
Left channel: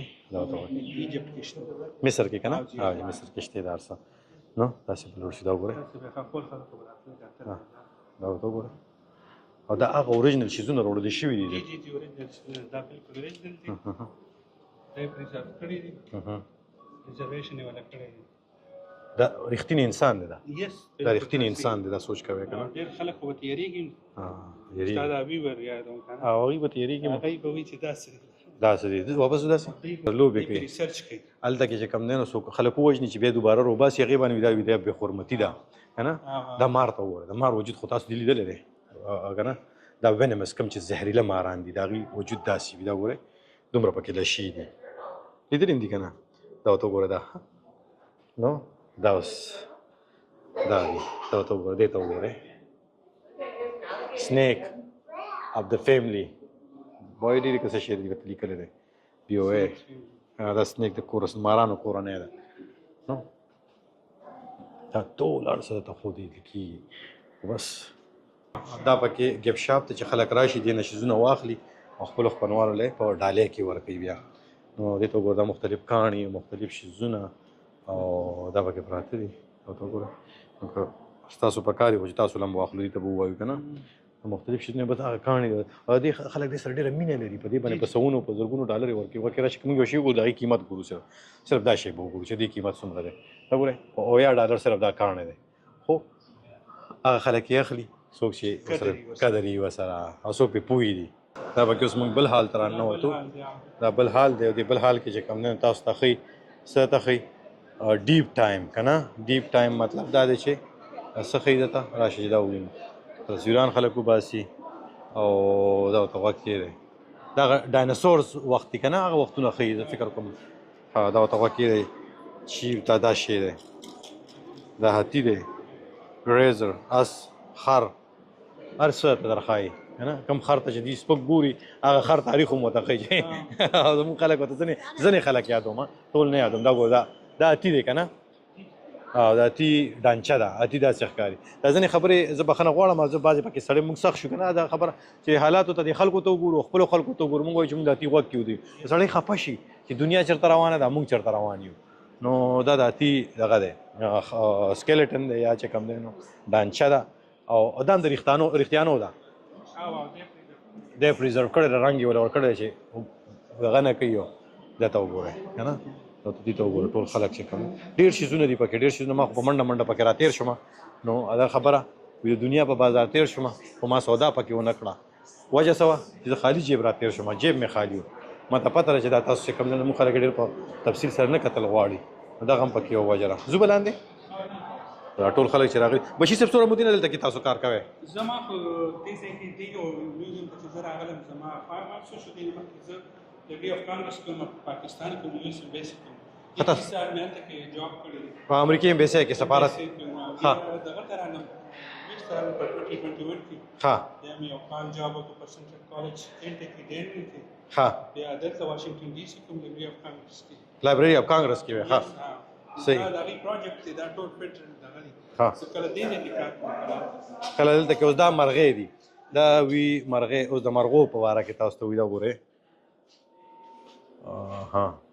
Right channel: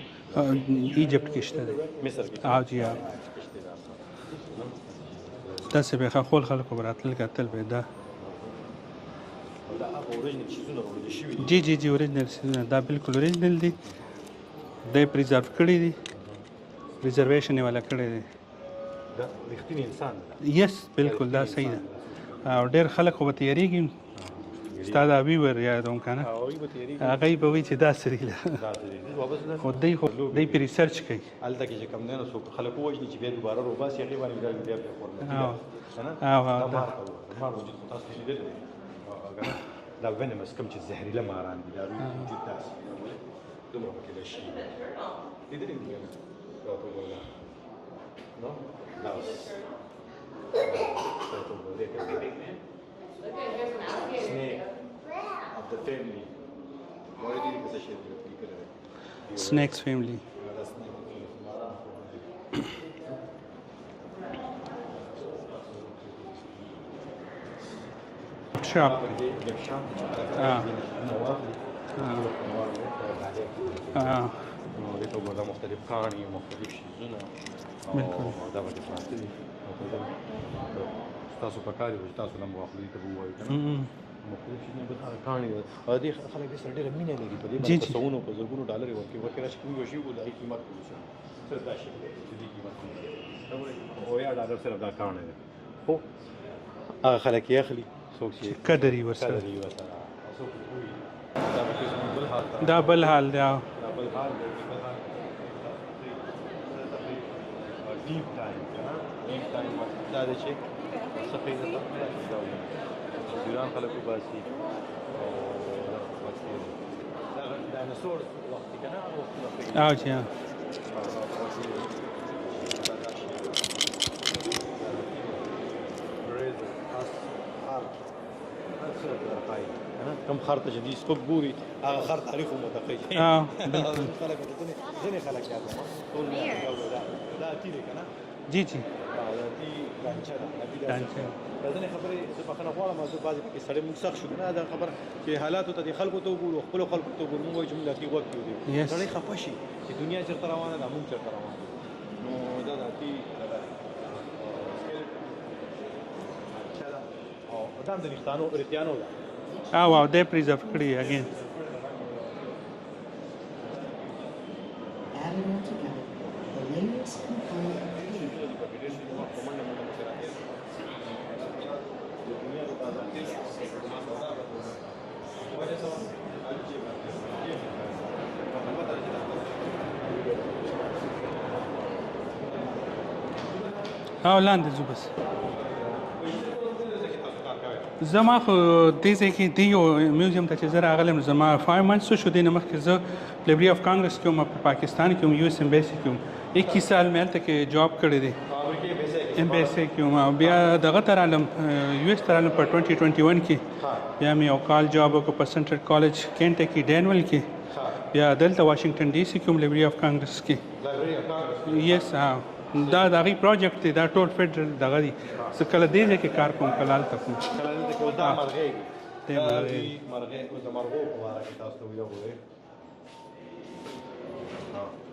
ایجپټ کې شته دی مصر کې که نه مصر کې شته دا څه نو تاسو جوړ شي دا وګورئ داسې به خپل خلکو به راتلل کتل به دا دا ورته وګورئ او دا هغه اوریجنل شیزونه راوړل شوي دي جی اوریجنل سیزونه دا بالکل اوریجنل دي دا یې پریزرو کړي دي ریزرویشن یې والا کړی دی دا رښتینی انسان دی دا یس بالکل دا رښتینی صحیح انسان دی دی دا سوچ کوي او ډېر خلک خو به تیارېږي ستا دا ویور یادوم که نه هغوی به تیارېږي هغه به وایي چې دا سري ده داسې دی واپس خو داسې دی خو لوبې دی کوي. پې ریسرچ کوي هلته کې چې کم دی نو څوک خلک ووژني چې بیا دوباره روباسي هغې باندې دا دا بې حرمتي ده که نه دا مار ته ووایه د مار وجود خو تاسو دې لیدلی دی که نه دا وینمس کوم چې زهریله ماران دي د هغې وجود داسې وي دا ګورئ دومره پکې دا شي دي لیدلي هم دي که نه دا ورته وګوره دا نو دا اوس دا دی دا ورته وګوره دې ته وګورئ snake of the family وایي ډېرې کسه شی دي لیکلی دی سنیکس فیملی دا سنیک د کورس مارانو کورنۍ ده نو دا ټول هر څه ته خو دې کېږي بس دا پکې ګپ شاپ ته چې خلک راشي دې نه شیزونه واخلي خپلو خپلوانو له په ډالۍ کې ورکوي بیا نو دې ته وګوره دا مختلف کاڼي مختلف شیزونه او دا پکې پراته دي ورته وګوره ستاسو په کار وي چې تاسو هم واخلو دې ته به ووایو که نه مختلف شیزونه به هغه کاڼي او دې خلک دې سره ډېره مینه لري په دې باندې په سوونو په زرګونو ډالر یې ورکوي وکړه چې کوم یو شی وګورو د هغې قیمت ګورو صرف دا شی به وګورو چې دې قیمت څومره دی دا ګورئ $10 صرف دا کاڼی دی خو هغه خلک یې اخلي څوک چې قدر یې ورسره او څوک پرې پوهې دي دا پکې اوس موږ بل حال ته دا بل حال دی دا بل حال دی دې بل حال کې چې کوم دی تاسو ته ښایي څه ته ښایي ډیپ ټایم که نه ډیپ ټایم مطلب دا دی چې څه ښایي درته راشي چې دا ووینو تصویران خلک وباسي او دا ورته غوږ کېږدی دا ډایناسورس وخت دی که نه هغه وختونه ښایي دا ورته غوږ کېږدی چیپ دا شی دی دا هاتي دی ریزر اس خر هر څه ته در ښایي که نه کوم خر ته چې دوی سپک ګوري هغه خر تاریخ هم ورته ښایي زموږ خلک ورته ځینې خلک یادوم ټول نه یادوم دا ګوره دا هاتي دی که نه جی د اتي دانچه ده اتي داسې ښکاري دا ځینې خبرې زه بخښنه غواړم زه بعضې پکې سړی موږ سخت شو که نه دا خبره چې حالاتو ته د خلکو ته وګورو خپلو خلکو ته وګورو موږ وایو چې موږ د اتي غوږ کې ودي سړی خفه شي چې دنیا چېرته روانه ده موږ چېرته روان یو نو دا د اتي دغه دی سکیلټن دی یا چې کوم دی دانچه ده او دا هم د رښتیانو ده او دی پریزرو کړي دی پریزرو کړی د رنګ یې ورته ورکړی چې دغه نه کوي دا ته وګوره که نه دې ته وګوره ټول خلک چې کوم ډېر شیزونه دي پکې ډېر شیزونه ما خو په منډه پکې راتېر شوم نو دا خبره د دنیا په بازار تېر شوم خو ما سودا پکې ونه کړه وجه څه وه چې زه خالي جیب راتېر شوم جیب مې خالي و ما ته پته ده چې دا تاسو چې کوم دی موږ خلک ډېر په تفصیل سره نه کتل غواړي دغه هم پکې یو وجه ده زه به لاندې لاندې ځو بس دا ټول خلک چې راغلي بشیر صاحب څومره مودې نه دلته کې تاسو کار کوئ زما خو دې ځای کې دې یو میوزیم ته چې زه راغلم زما 5 months شو دې نه مخکې زه لایبرري اف کانګرس کې وم په پاکستان کې وم یو اس ایمبیسي کې وم 21 سال مې هلته کې جاب کړی دی په امریکې ایمبیسي کې سفارت کې وم بیا دغه ته رالم یو اس ته رالم په 2021 کې بیا مې یو کال جاب وکړ په سنټرل کالج کینټکی ډینول کې بیا دلته واشنگټن ډي سي کې وم لایبرري اف کانګرس کې لایبرري اف کانګرس کې یس دا د هغې پروجیکټ دی دا ټول فیډرل دغه دي زه کله دې ځای کې کار کوم کله هلته کوم کله دلته کې اوس دا مرغۍ دي دا وي مرغۍ اوس د مرغو په باره کې تاسو ته وي دا ګورئ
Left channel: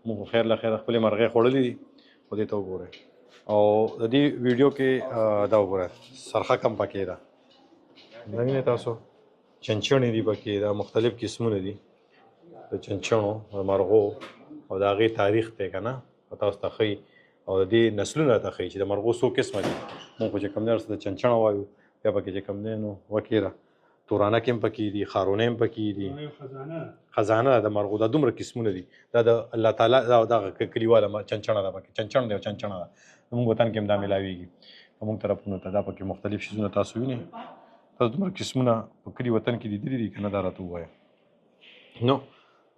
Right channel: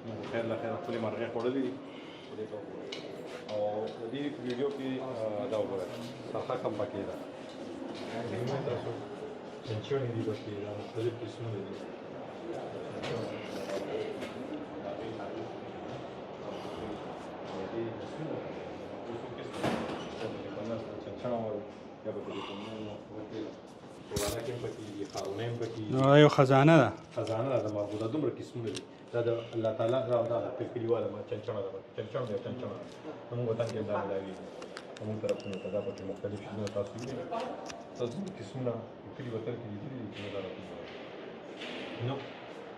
موږ خیر له خیره خپلې مرغۍ خوړلې دي خو دې ته وګورئ او د دې ویډیو کې دا وګورئ سرخه کم پکې ده نه وینئ تاسو چنچڼې دي پکې دا مختلف قسمونه دي د چنچڼو د مرغو او د هغې تاریخ دی که نه تاسو ته ښایي او د دې نسلونه ته ښایي چې د مرغو څو قسمه دي موږ خو چې کوم دی د چنچڼه وایو یا پکې چې کوم دی نو وکیره تورانک هم پکې دي خارونه هم پکې دي یو خزانه ده د مرغو دا دومره قسمونه دي دا د الله تعالی دغه کلیواله چنچڼه ده پکې چنچڼ دی او چنچڼه ده زموږ وطن کې هم دا میلاویږي زموږ طرفونو ته دا پکې مختلف شیزونه تاسو وینئ تاسو دومره قسمونه په کلي وطن کې لیدلي دي که نه دا راته ووایه نو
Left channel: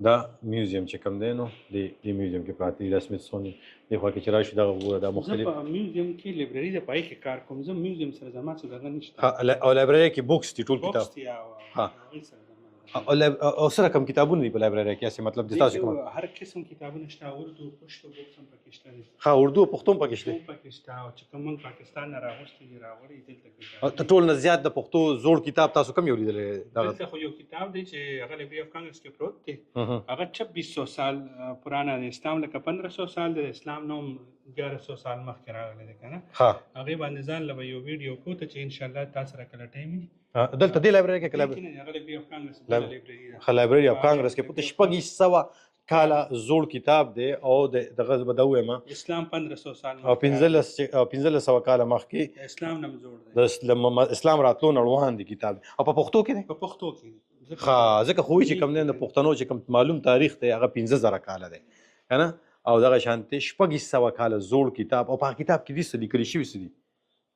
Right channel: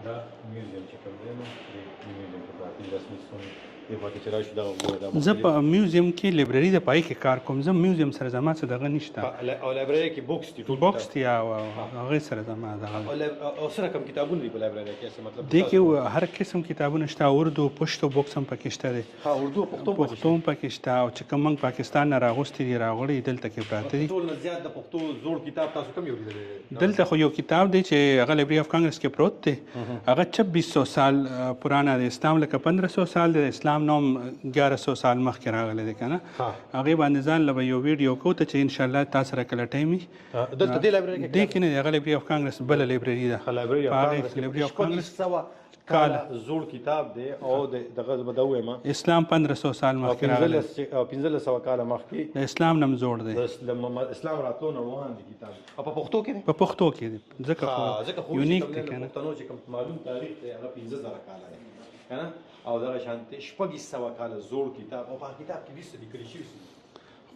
دا میوزیم چې کوم دی نو دې میوزیم کې پراته دي دا سمیتسونین دی پکې چې راشي دغه وګوره دا زه په میوزیم کې لایبرري د پای کې کار کوم زه میوزیم سره زما څه دغه نشته او لایبرري کې بوکس دي ټول بوکس دي او هغې سره زما دغه او سره کوم کتابونه دي په لایبرري کې هسې مطلب دې کې هر قسم کتابونه شته اردو پښتو بوکس هم پکې شته دی اردو او پښتو پکې شته او چې کوم موږ پاکستان نه راغوستي دي راغلي دلته کې پراته دي ټول نه زیات د پښتو زوړ کتاب تاسو کوم یو لیدلی دلته خو یو کتاب دی چې هغه لایبرري اف کانګرس کې پروت دی هغه 2600 سال پرانا دی اسلام لکه 1500 سال دی اسلام اسلام نوم 1100 سال مخکې راغلی دی که نه ها هغې باندې ځان له به یو ویډیو کوو ته چې انشاءالله تا سره کله ټایم وي دلته دې لایبرري کې دې کې نه دی هغه لایبرري اف کانګرس بله لایبرري ده لایبرري اف هغه کانګرس کې Library of شپږ سوه کاله زوړ کتاب دی او دغه به دا ووایم اسلام 1500 سال او مخکې 1500 کاله مخکې د اسلام نم زوړ دی اسلام راتلو نه وړاندې دی کتاب او په پښتو کې دی په پښتو کې دی ځکه خو چې کوم نه د پښتنو چې کوم معلوم تاریخ دی هغه 15000 کاله دی کنه او دغه شانتي شپږ سوه کاله زوړ کتاب او په کتاب کې دې څه لیکل شوي څه دي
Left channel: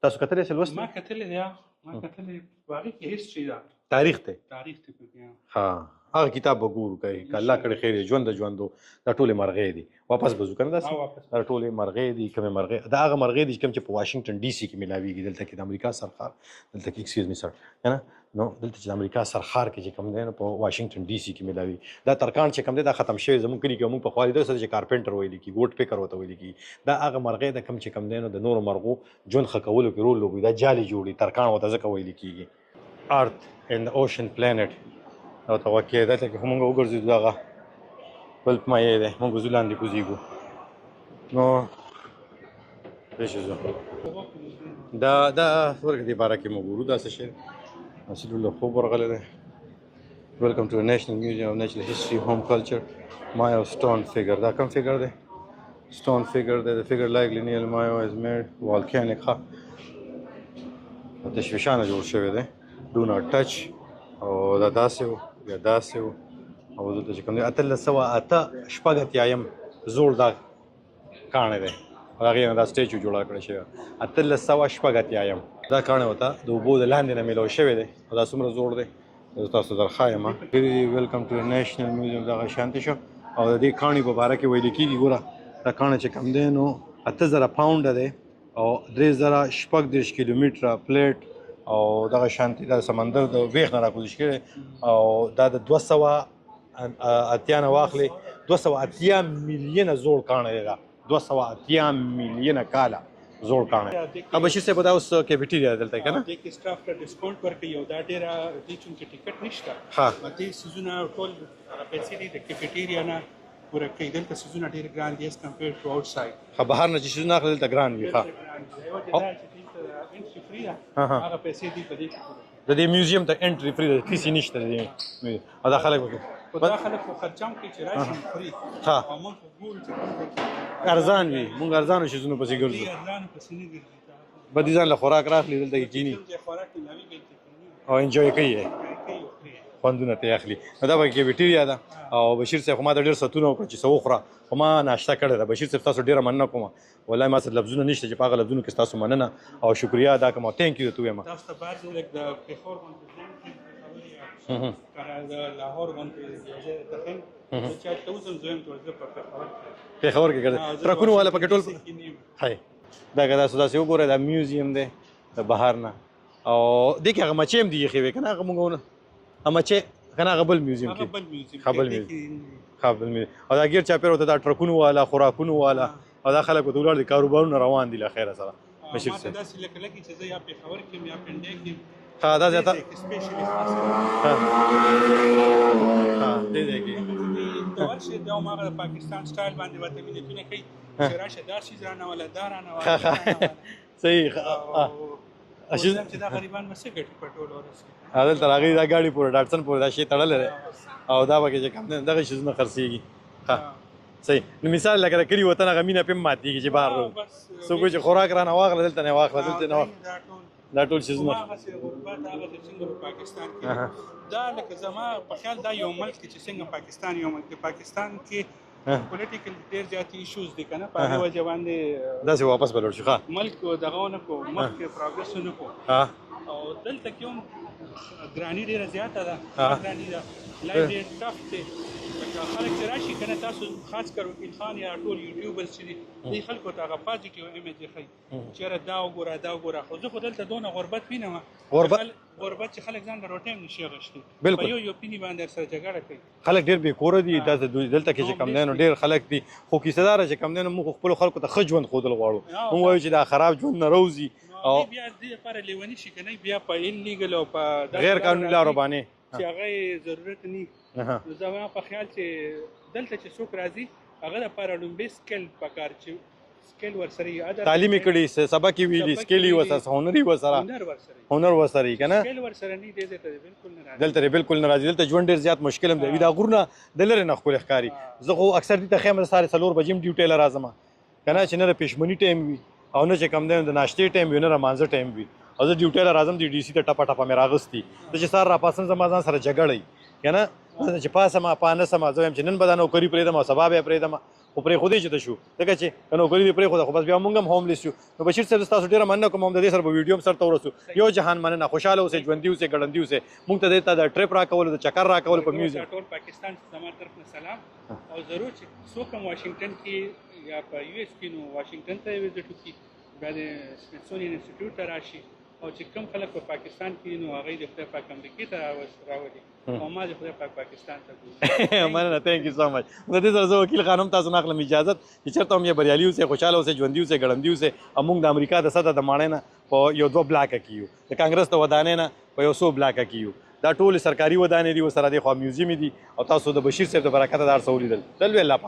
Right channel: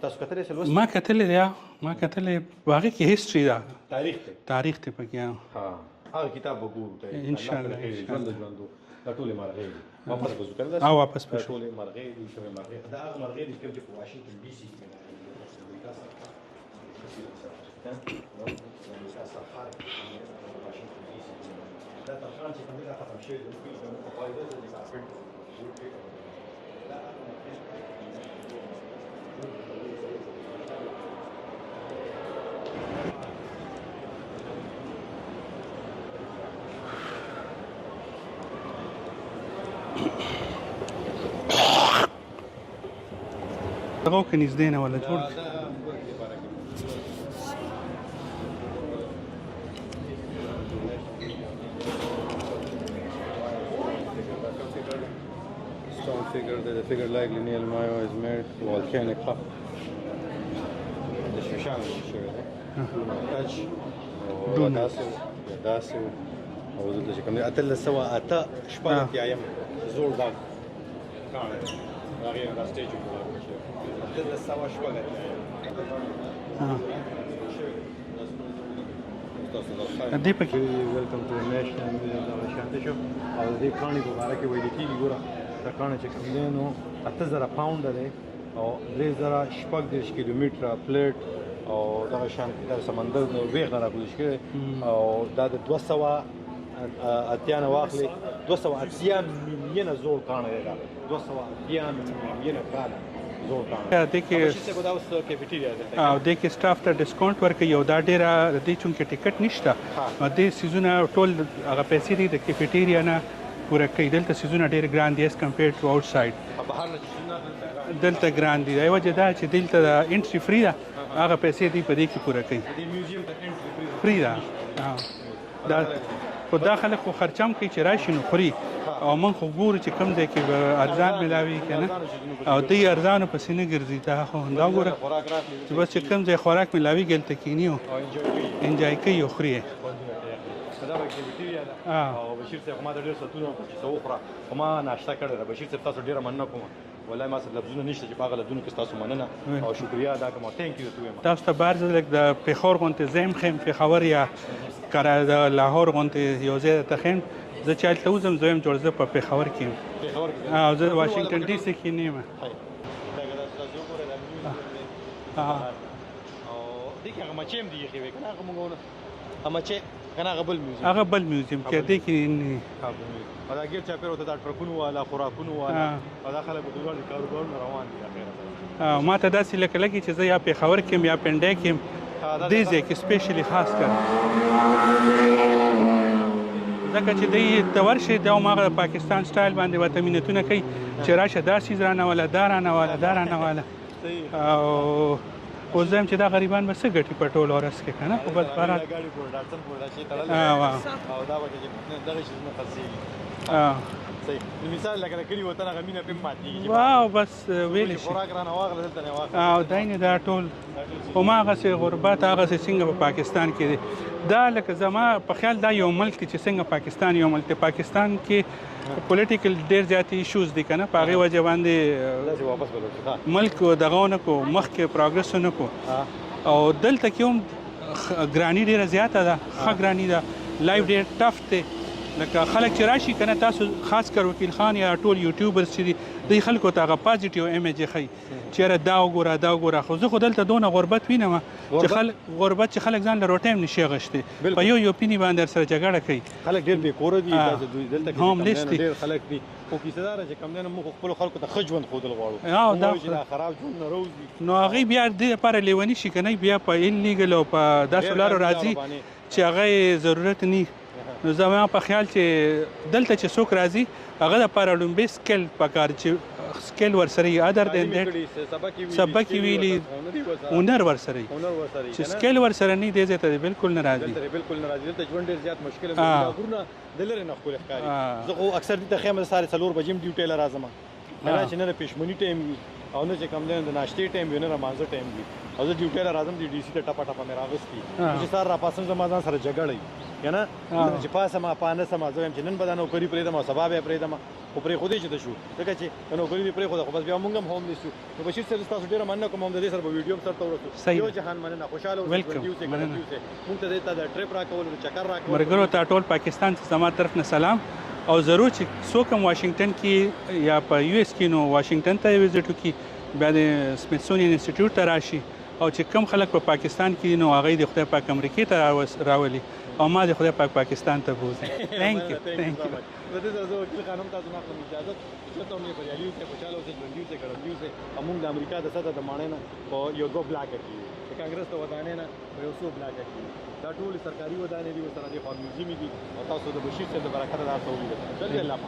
تاسو کتلی سل ما کتلی دی ما کتلی هغې کې هیسټري ده تاریخ دی تاریخ دی پکې ها هغه کتاب به ګورو ته الله کړي خیر ژوند ژوندو دا ټولې مرغې دي واپس به ځو کنه او واپس دا ټولې مرغې دي کومې مرغې دا هغه مرغې دي چې کوم چې په واشنگټن ډي سي کې ملاویږي دلته کې د امریکا سرخار دلته کې ایکسکیوز می سر کنه نو دلته چې د امریکا سرخار کې چې کوم دی په واشنگټن ډي سي کې ملاویږي دا ترکان چې کوم دی دا ختم شوی زموږ کلی کې موږ په خوالي د سره چې کارپنټر ویل کی ګوټ پیکر وته ویل کی دا هغه مرغې د کوم چې کوم دی نو د نورو مرغو ژوند ښه کولو کې رول لوبوي دا جالي جوړي ترکان وته ځکه ویل کیږي ارت ان اوشن پلانټ او توقع ده چې موږ وګرځو دغه بل مایه ده موږ ځلاندې کوزیږو نو پېښه دغه کې نږدې نه ولا دا ورګ دی بارا کې موجود دا څه شي مسلمان له خو ورغله ده ویلکم ټو نېشنل میوزیم اف نېچرل هیستوري هوم کلچر مایا سټون فیګر دا کوم فیګر دی سټون فیګر دی د فیګر لایک لینیل مایا از میډ والکانیک د شوشانه جوړ شوی دی دو ناٹ ټچ او دا داسې یا داسې او دلته چې کوم دی 1808 شپږ اتیایم زوړ دا کاڼی دی هغې نه دا سټیچو جوړه کړی شوې 1800 شپږ اتیایم دا کاڼی ورته د اوبو د لاندې نه میلاو شوی دی او دا څومره زوړ دی تاسو درښایم ویلکم ټو نیشنل میوزیم دغه شانتي شو او د دې کاڼي په باره کې ویل کېږي ګوره دا کاڼی چې کوم دی نو 8000 پاونډه دی او 3036 کیلومتره پلیټ او دغه شانتي د سمندر د ویښ نه راکوزش کړي او دا د 200 اتیا نه واخلي 280 میلیونه زوړ کاڼی دی دا 280 میلیونه کاله زوړ کاڼی او بشیر صاحب دا اوس کیفیټیریا دلته او دې کې سټاف ته ډسکاونټ ورکوي او دا ډېره دې چونکې ټیکټ نشته دې سیزونه ټول هغه پیسې دي د کیفیټیریا نه پوره کوي دلته سیزونه ډېر ګران دي ایز کمپیرډ ټو آوټ سایډ بهر نه چې سیزونه اخلي دلته ګران دي دلته ګران دي دا یوه وجه دا چې دلته د انټري فری ده هغه پیسې دي په دې کې پوره کوي د دې میوزیم ته انټري فری ده فیس نشته دی او دا خلک خو دا خلک خو خرچام کوي چې راشي نو خوري او موږ خو ګورو چې کوم دی کې ارزان ملاوي ارزانو شیزونو پسې او دوی ارزانو پسې نه ګرځي دا خو په دې ځان له خوراک راخلي دلته چې کوم ځای خوراک ملاوي ګلته کینی او انجوای کوي انجوای کوي او خوري خوندونه ته اخلي دا به کیفیټیریا ده او بشیر صاحب ما د ډېر ساتونه وکړ چې څه وخوره خو ما ناشته کړې ده بشیر صاحب تاسو ډېره مننه کوم والله ما څه لفظونه نشته چې په هغه لفظونو کې ستاسو مننه او شکریا ادا کوم تhank you ته وایم تاسو ته بار ځل د پېښور غونډې زم خیم پېښور یا کړه د لاهور غونډې یو ځای ته خیم زه چې هلته وځم زه یم جوړ زه په پېښور کې یم پېښور کې ګرځم ترکونو والا په ټول کې نه یم دا که تاسو داسې وګورئ دا میوزیم دی د بهر نه او دې کې هغه مچۍ هم دي ایښې وې که نه هغه موږ هغه مچۍ که نه هغه بل میوزیم هغه بل میوزیم کې دې کې او دا ګیر چاپېر ورته دا ټرکونو والا خوراکونو والا او دا خلک ورته ولاړ دي کاروبارونه روان دي له خیره سره ما ته داسې لکه لګي چې زه یا پېښور کې یم یا پنډۍ کې یم دې ځای کې سپیشلي خاص کر ځکه چې دوی ته ورشي دا هماغه پاکستان سټایل باندې ورته مینتونه کوي چې راشه دا څیز رانهواله دا رانهواله دا رانهواله صحیح او اوس هم چې دا غریبان به څه ګټي په ټول ورځ کې که نه دلته هغوی دا ګاډي پورې ډاټسن پورې دا شی تړلی او دا پکې چې کوم دی دغه شیزونه خرڅېږي صحیح نو مثال لکه د کلي وطن هغه مینه پې هم ماتېږي چې بهر بس څوک چې خوراک رانه واخله دلته نه واخله دا ټول هماغسې غربت هغسې څنګه په پاکستان کې دی دا لکه زما په خیال دا یو ملک دی چې څنګه پاکستان یو ملک دی پاکستان کې پولیټیکل ډېر زیات ایشوز دي که نه په هغې وجه باندې داسې واپس به لاړ شو ملک دغه ونه کړو مخکې پروګرس ونه کړو او دلته کې هم ګراني ډېره زیاته ده ښه ګراني ده لایف ډېر ټف دی لکه خلک چې راشي که نه تاسو خاص کر وکیل خان یا ټول یوټیوبرز چې دي دوی خلکو ته هغه پازیټیو ایمیج یې ښیي چېرې دا وګوره دا وګوره خو زه خو دلته دونه غربت وینم غربت چې خلک ځان له روټۍ هم نشي اخیستی په یو پیني باندې ورسره جګړه کوي خلک ډېر بېکوره دي دلته کې چې کوم دی نو ډېر خلک دي خو کیسه داره چې کوم دی نو موږ خپلو خلکو ته ښه ژوند ښودل غواړو موږ وایو چې دا خراب ژوند نه روځي نو هغوی بیا دې لپاره لیوني شي که نه بیا په انلیګل او په داسې لارو راځي چې هغه یې ضرورت نه نو زما په خیال چې دلته چې څوک راځي هغه دپاره لومبی سکل پکار چې سکیل ورسره ادر تعلیم کړي سبق ویلي سبق سکیلی ویلي، وسره هنري وسره هنر ورسره هنر وسره کنه سکیل ورسره نه دی ته بالکل نه راځي دلته بالکل نه راځي دلته ژوند ډیر زیات مشکل هم دی آه. دا غورونه دلره نه خپل ښکاری آه. زه خو اکثر دې ته خیمه ساره څلور بجې ډیوټي لرازم کنه چې نه پښمنی ټایم وي او نه چې کم دی د ناشتې ټایم وي نه مانځه ټایم وي او زه ډیوټي لرازم د ډي سي ته ټپه ټپه مې راغستی چې سار را پاسم زما ځان سره جګړې کنه چې پاسه ما پانه سم زه چې نن بدن او کری پرې دم او سبب یې پرې دم او پرې خودي چې ته شو دغه چې نو کری پرې خو بس بیا مونږ هم هوم لیست شو نو بشیر صاحب تاسو ډیره مننه کوم هم د دې سره په ویډیو سره تورسو یو جهان مننه خوشاله اوسئ ژوند دی اوسئ ګړندی اوسئ مونږ ته د ټریپ را کول د چکر را کول ګورو ته ټول پاکستان ته زما طرف نه سلام او ضرور چې څوک هم واشنگټن کې یا په یو اس کې نو واشنگټن ته وزټ وکړي بیا د سمیثسونین انسټیټیوټ ته راشي او چې کم خلک په پاکستان کې نو هغه د خدای پاک امریکای ته راولي او ما د خدای پاک پاکستان ته بوزي مننه ثانک یو سو مچ د دې سره زه وکیل خانم تاسو نه اخلم اجازه چې چېرته هم یې بریالي اوسئ خوشاله اوسئ ژوندي اوسئ ګړندي اوسئ او موږ د امریکا د سطح د ماڼۍ نه په یو دوه بلاکه کې یو د کانګرس د ودانۍ نه په یو څو بلاکه کې یو دا ټول سرکاري ودانۍ دي ورسره د خوا میوزیم دي او تاسو د بشیر صاحب د برکت دار سہولیت دل ویلا